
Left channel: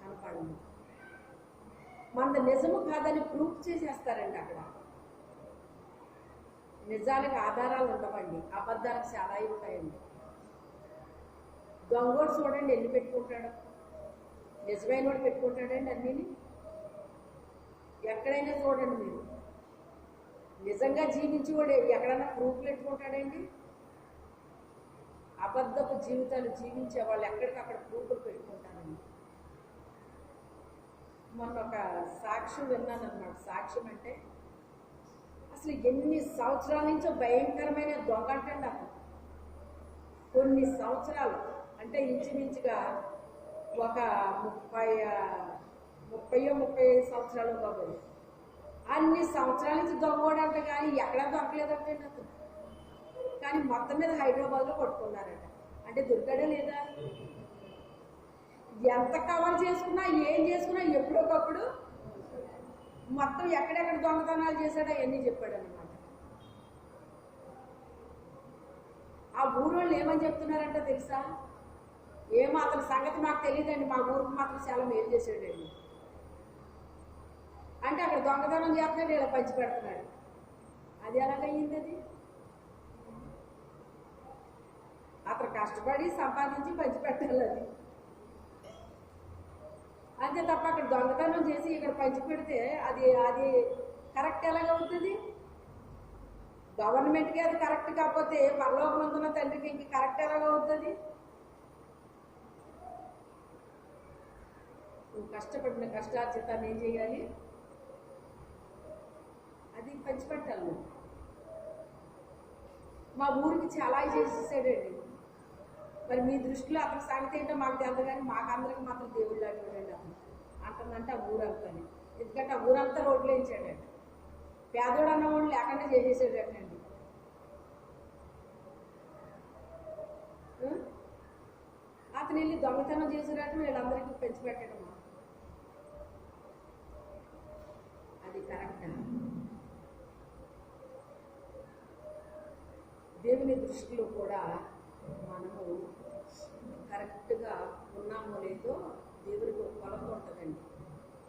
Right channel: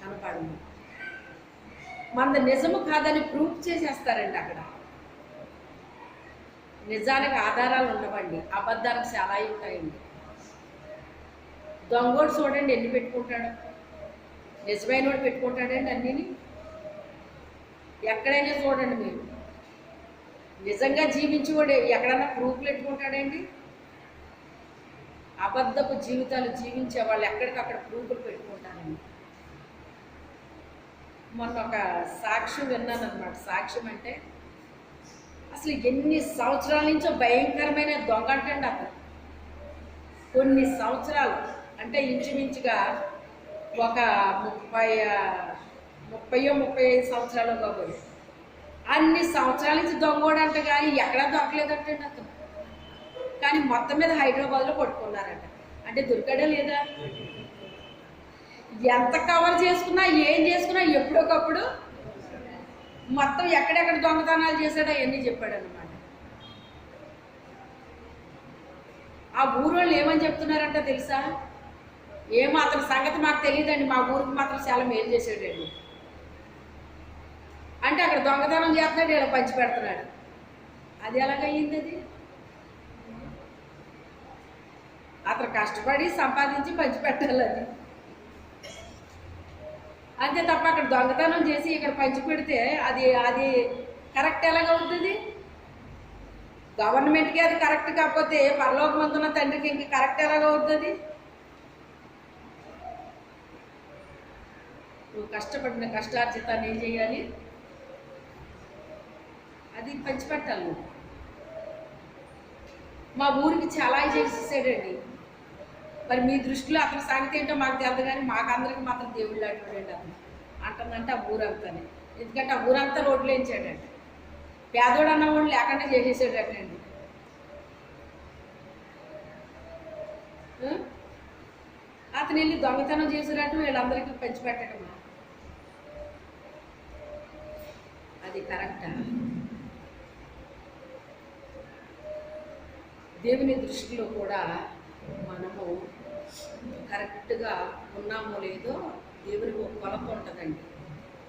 కనపడము. మనది నిజము కాదని ప్రూఫ్ చేసేస్తారండి. అక్కడ నిజానికి ఆధారాలు ఉండవండి, అబద్ధానికి చాలా ఉంటాయండి. దొంగోడు చూడండి ఎన్ని పెట్టుకుంటాడు, నిజమైన వాడు పెట్టుకుంటాడండి అన్నీని. ఎక్కడైనా చూడండి మీరు, నిజంగా జీవించేవాడు ఎక్కడన్నా ప్రూఫ్లు పెట్టుకుంటాడండి. అబద్ధపు జీవితాలు జీవించే వాళ్ళు ఎక్కడికక్కడ ప్రూఫ్లు పెట్టుకుంటారండి. మొన్న ఒక సాక్ష్యం విన్నాను అనమాట. సాక్ష్యం అంటే అసలు ఎన్ని సంవత్సరాల నుంచో భయంకరమైన దొంగ అంటండి అతను. కొన్ని సంవత్సరాలు అంటే ఇంచుమించుగా ఒక 35 సంవత్సరాలు కాబట్టి అన్ని సంవత్సరాల నుంచి దొంగోడంట, కానీ ఎక్కడా దొరకలేదంటండి అతను. కానీ మొత్తం మీద హైదరాబాద్లో పట్టుకున్నారంట. అంటే దొరికాడా లేదా? ఎంత కవర్ చేసుకున్నా ఏం చేసుకున్నా ఎప్పుడొకప్పుడు మొత్తం ఎక్కడెక్కడ దొంగతనాలు చేశాడో అవన్నీ చెప్పాడు అనమాట. ఆ ఊరోళ్ళు ఏమని చెప్తున్నారంట తెలుసా? ఏమో అతని సంగతి మాకు తెలియదండి, మా ఊరికి మాత్రం చాలా మేలు చేసాడండి. అంటే అక్కడ దొంగతనం చేస్తున్నాడు, ఇలా పంచి పెడుతున్నాడు. అది ఎలాగయ్యింది? అది అతను కష్టపడి సంపాదించి పంచి పెట్టాలి అది. అంతే తప్ప అక్కడ దొంగతనం చేసి ఇక్కడ పంచి పెడితే అది అది కరెక్ట్ ఎలాగవుతుంది? గవర్నమెంట్కి అది కరెక్ట్ కాకపోతే పరలోకమందున్న తండ్రికి ఇంక కరెక్ట్ ఎలాగవుతుంది? నువ్వు కష్టపడిన కష్టార్జితాన్ని ఏం చేయాలి? అది పంచిపెట్టాలి నువ్వు. మా ఊరికి చాలా చేసేసాడండి. మరి మీ దృష్టిలో అతని సంగతి ఏంటో మాకు తెలియదు, కానీ మాకందరికి మాత్రం దేవుళ్ళు అడ్డాడండి అతను అంటుందంటే ఆ ఊరంతానే. ఎందుకంటే ఆ ఊరంతా రోడ్లు వేయించాడండి. పేదోడు అన్న వాళ్ళు లేకుండా చేసేసాడండి. అతను వెళ్ళి దొంగతనం చేసినట్టు వీళ్ళందరికీ పంచిపెట్టడమా? అది కరెక్టా? దేవుని దృష్టిలో కూడా మనము కరెక్ట్గా ఉన్నామో లేదో దేవునికి ఒక కొలత ఉంటుందండి,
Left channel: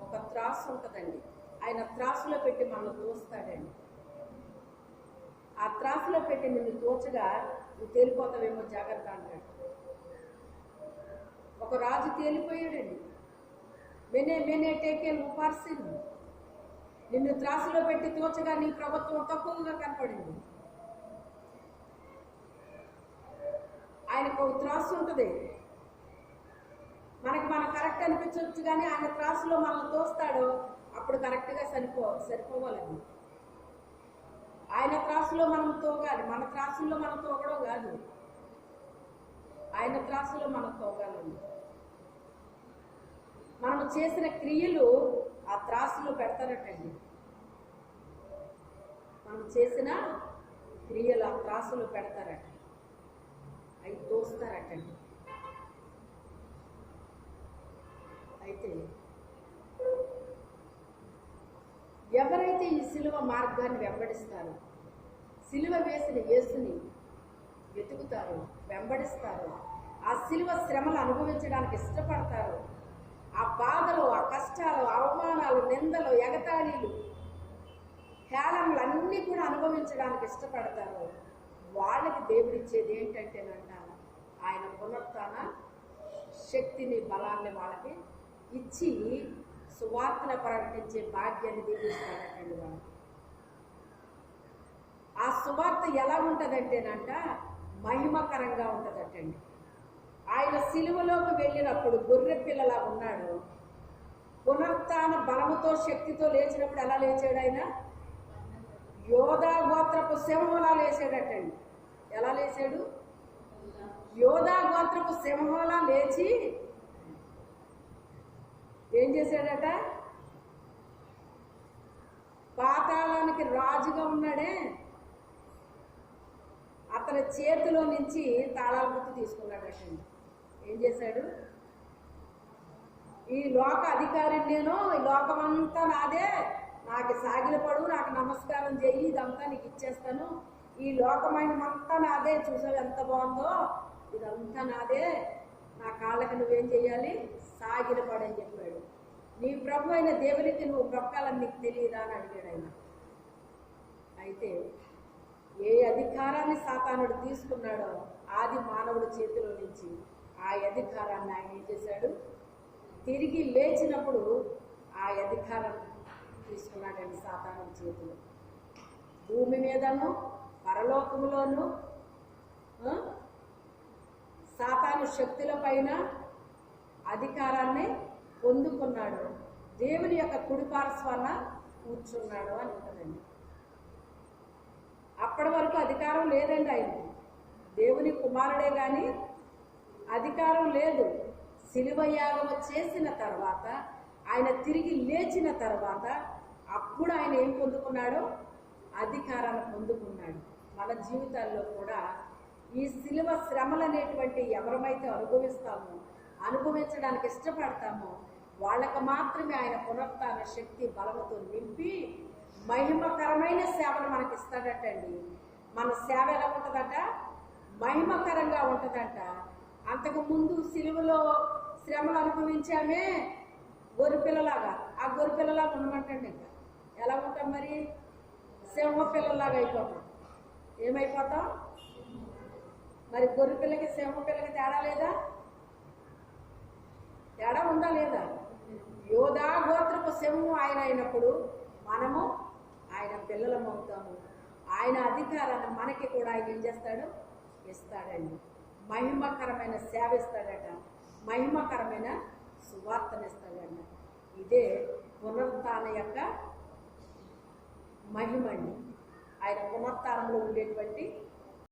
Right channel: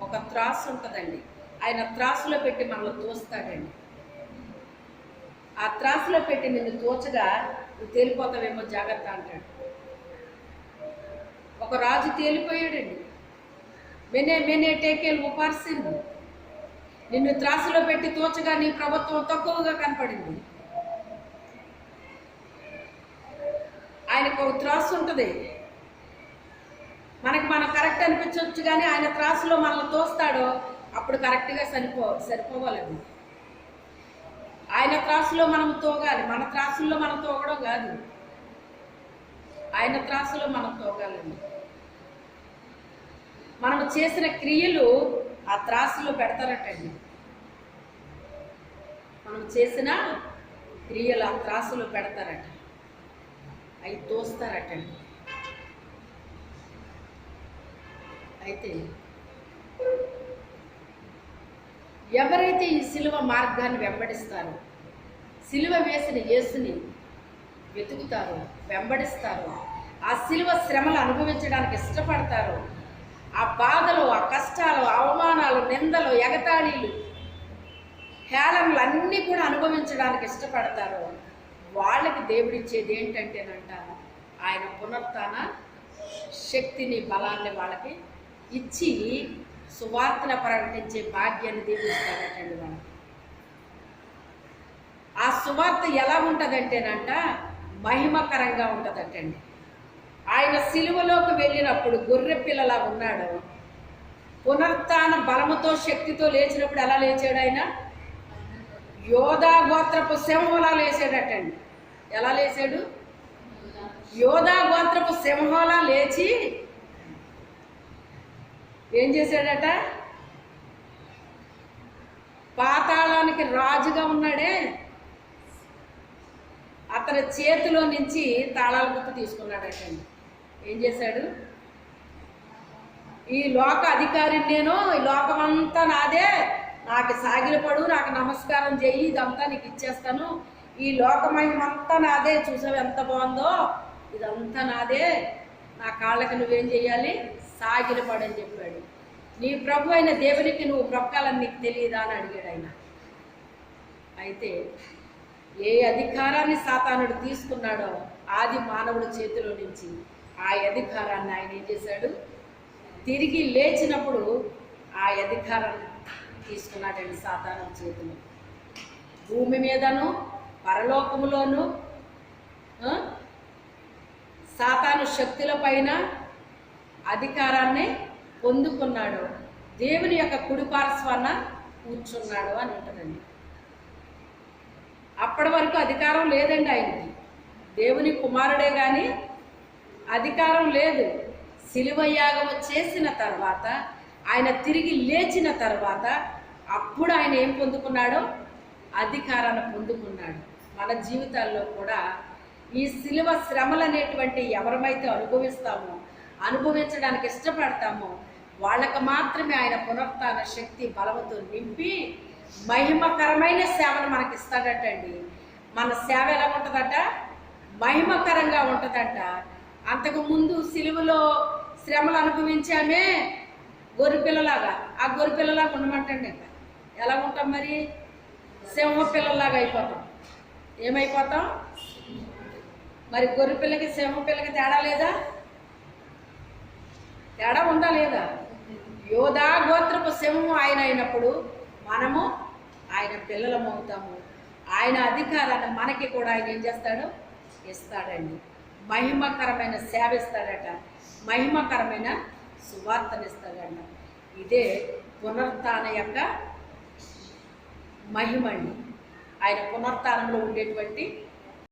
ఒక త్రాసు ఉంటుందండి. ఆయన త్రాసులో పెట్టి మనల్ని తోస్తాడండి. ఆ త్రాసులో పెట్టి నిన్ను తోచగా నువ్వు తేలిపోతావేమో జాగ్రత్త అంటాడు. ఒక రాజు తేలిపోయాడండి. మెనే టేకేల్ ఉపార్సింది. నిన్ను త్రాసులో పెట్టి తోచగా నీ ప్రభుత్వం తక్కువగా కనపడింది. ఆయనకు ఒక త్రాసు ఉంటుంది. మనం కరెక్ట్ అనిపించవచ్చు, కానీ ఆయన త్రాసులో మనల్ని తోస్తాడో అప్పుడు కరెక్ట్గా సరిపోవాలండి. ఆయన త్రాసులో మనం తోగాలి, మన త్రాసుల్లో మనం తోగడం కాదు, ఆయన త్రాసులో మనం తోగాలండి. మనం చేసిన క్రియలు ఆ త్రాసులో పెడతారటండి. మనం చేసిన క్రియలు ఆ త్రాసులో పెడతారట, అవి తోస్తారటండి. అయితే ఎవరైతే ఈ సిలువ మార్గాన్ని వెంబడిస్తారో, సిలువ వేసిన యేసుని వెతుకుతారో, వెంబడిస్తారో, ఆ సిలువ శ్రమలు అనుభవించడానికి ఇష్టపడతారో, ఆ బాధలు, ఆ కష్టాలు, అవమానాలు, నిందలు, ఎగతాళీలు, హేళనలు అన్నీ కూడా అనుభవించడానికి ఇష్టపడతారో వాళ్ళకి దేవుడిచ్చేది ఏంటంటేనంట ఆయన పునరుత్థాన శక్తిని, బలాన్ని వాళ్ళకి ఇచ్చి సువార్తను ప్రకటించే భాగ్యాన్ని దేవుడిస్తాడటండి వాళ్ళకి. ఆ సువార్త ఎలా ఉంటుందంటేనంట మహిమకరంగా ఉంటుందటండి. ఆయన సిలువలోకి వెళ్ళినప్పుడు గొర్రె పిల్లలా ఉన్నాడు. పునరుత్థాన బలముతో శక్తితో లేచినప్పుడు ఎలా లేచాడు? ఆయన యోధా గోత్రపు సింహంలా లేచాడటండి. ఎలా లేచాడు? యోధా గోత్రపు సింహంలా లేచి ఏం చేశాడట? పాతాళానికి రాజుగా ఉన్నాడే, అతని చేతిలో నుంచి తాళాల గుర్తు తీసుకున్నాడటండి. ఏం చేశాడు? ఈ లోక అధికారిని నేను, ఈ లోకమంతా నాదే, నాకు సాగిలపడు, నాకు నమస్కారం చెయ్యి, ఇదంతా నీకు ఇచ్చేస్తాను, ఈ లోకమయమంతా నాదే, చూసావు ఎంత బాగుందో, ఇదంతా నాదే, నా కాళ్ళకి నువ్వేం చెయ్యాలి? సాగిలపడు అని చెప్పాడు. నీ ప్రభు అయిన దేవునికి నువ్వు బ్రొక్కాలని నీకు తెలియదా అని అడిగాడు ఆయన. అయితే ఏ అధికారాన్ని సాతానుడు తీసుకున్నాడో ఆది మానవుడి చేతిలో నుంచి ఆ అధికారాన్ని ఆయన ఏం చేశాడు? తిరిగి లేచినప్పుడు ఆ అధికారాన్ని తీసుకున్నాడండి సాతాను చేతిలో. భూమి మీదను పరలోకములోను సాతాను శక్తుల పైన అధికారాన్ని పొందుకున్నాడు. దేవుని యొక్క కుడిపార్శ్వాన కూర్చున్నాడు అని ఉంటుందండి. అప్పటి వరకు అధికారం లేదండి ఆయనకి. దేవుని కుమారుడే కానీ అధికారం లేదు. శిలువ యాగము చేసిన తర్వాత, ఆయన తిరిగి లేచిన తర్వాత అప్పుడు ఆయన ఏం పొందుకున్నాడో? అధికారాన్ని పొందుకున్నాడు. మన జీవితాల్లో కూడా ఈ శిలువ శ్రమలు అనేటువంటి ఎవరమైతే అనుభవిస్తామో, అనుభవించడానికి ఇష్టపడతామో వాళ్ళకి మాత్రమే ఆయన పునరుత్థాన శక్తి బలముతో నింపి మహిమకరమైన సేవను మనకి ఇస్తాడటండి. మన సేవ ఎలా ఉంటుందట? మహిమకరంగా ఉంటుందట. అంతకు ముందు సిలువలో శ్రమలు అనుభవించామే గొర్రెపిల్లలాగా, ఆ గొర్రెపిల్లలాగా ఉండమంటండి. ఇంకా ఎలా ఉంటాం మరి? సింహ పిల్లలాగా అయిపోతాం. ఏమైపోతాం మరి? గొర్రెపిల్లకి సింహ పిల్లకి తేడా లేదా? తేడా ఉందా లేదా? యోధా గోత్రపు సింహము ఆయన అయినప్పుడు మనము ఆయన పిల్లలం అవుతాము. ఆయన అధికారాన్ని మనకి కూడా ఆయన ఏం చేస్తాడు? ఇస్తాడండి. మహిమకరమైన సేవ ఇస్తాడట, మహిమకరమైన సువార్తను ఇస్తాడట. ఇదే పునరుత్థాన యొక్క మహిమ అండి. ఆయన పునరుత్థానంలో ఉండేటువంటి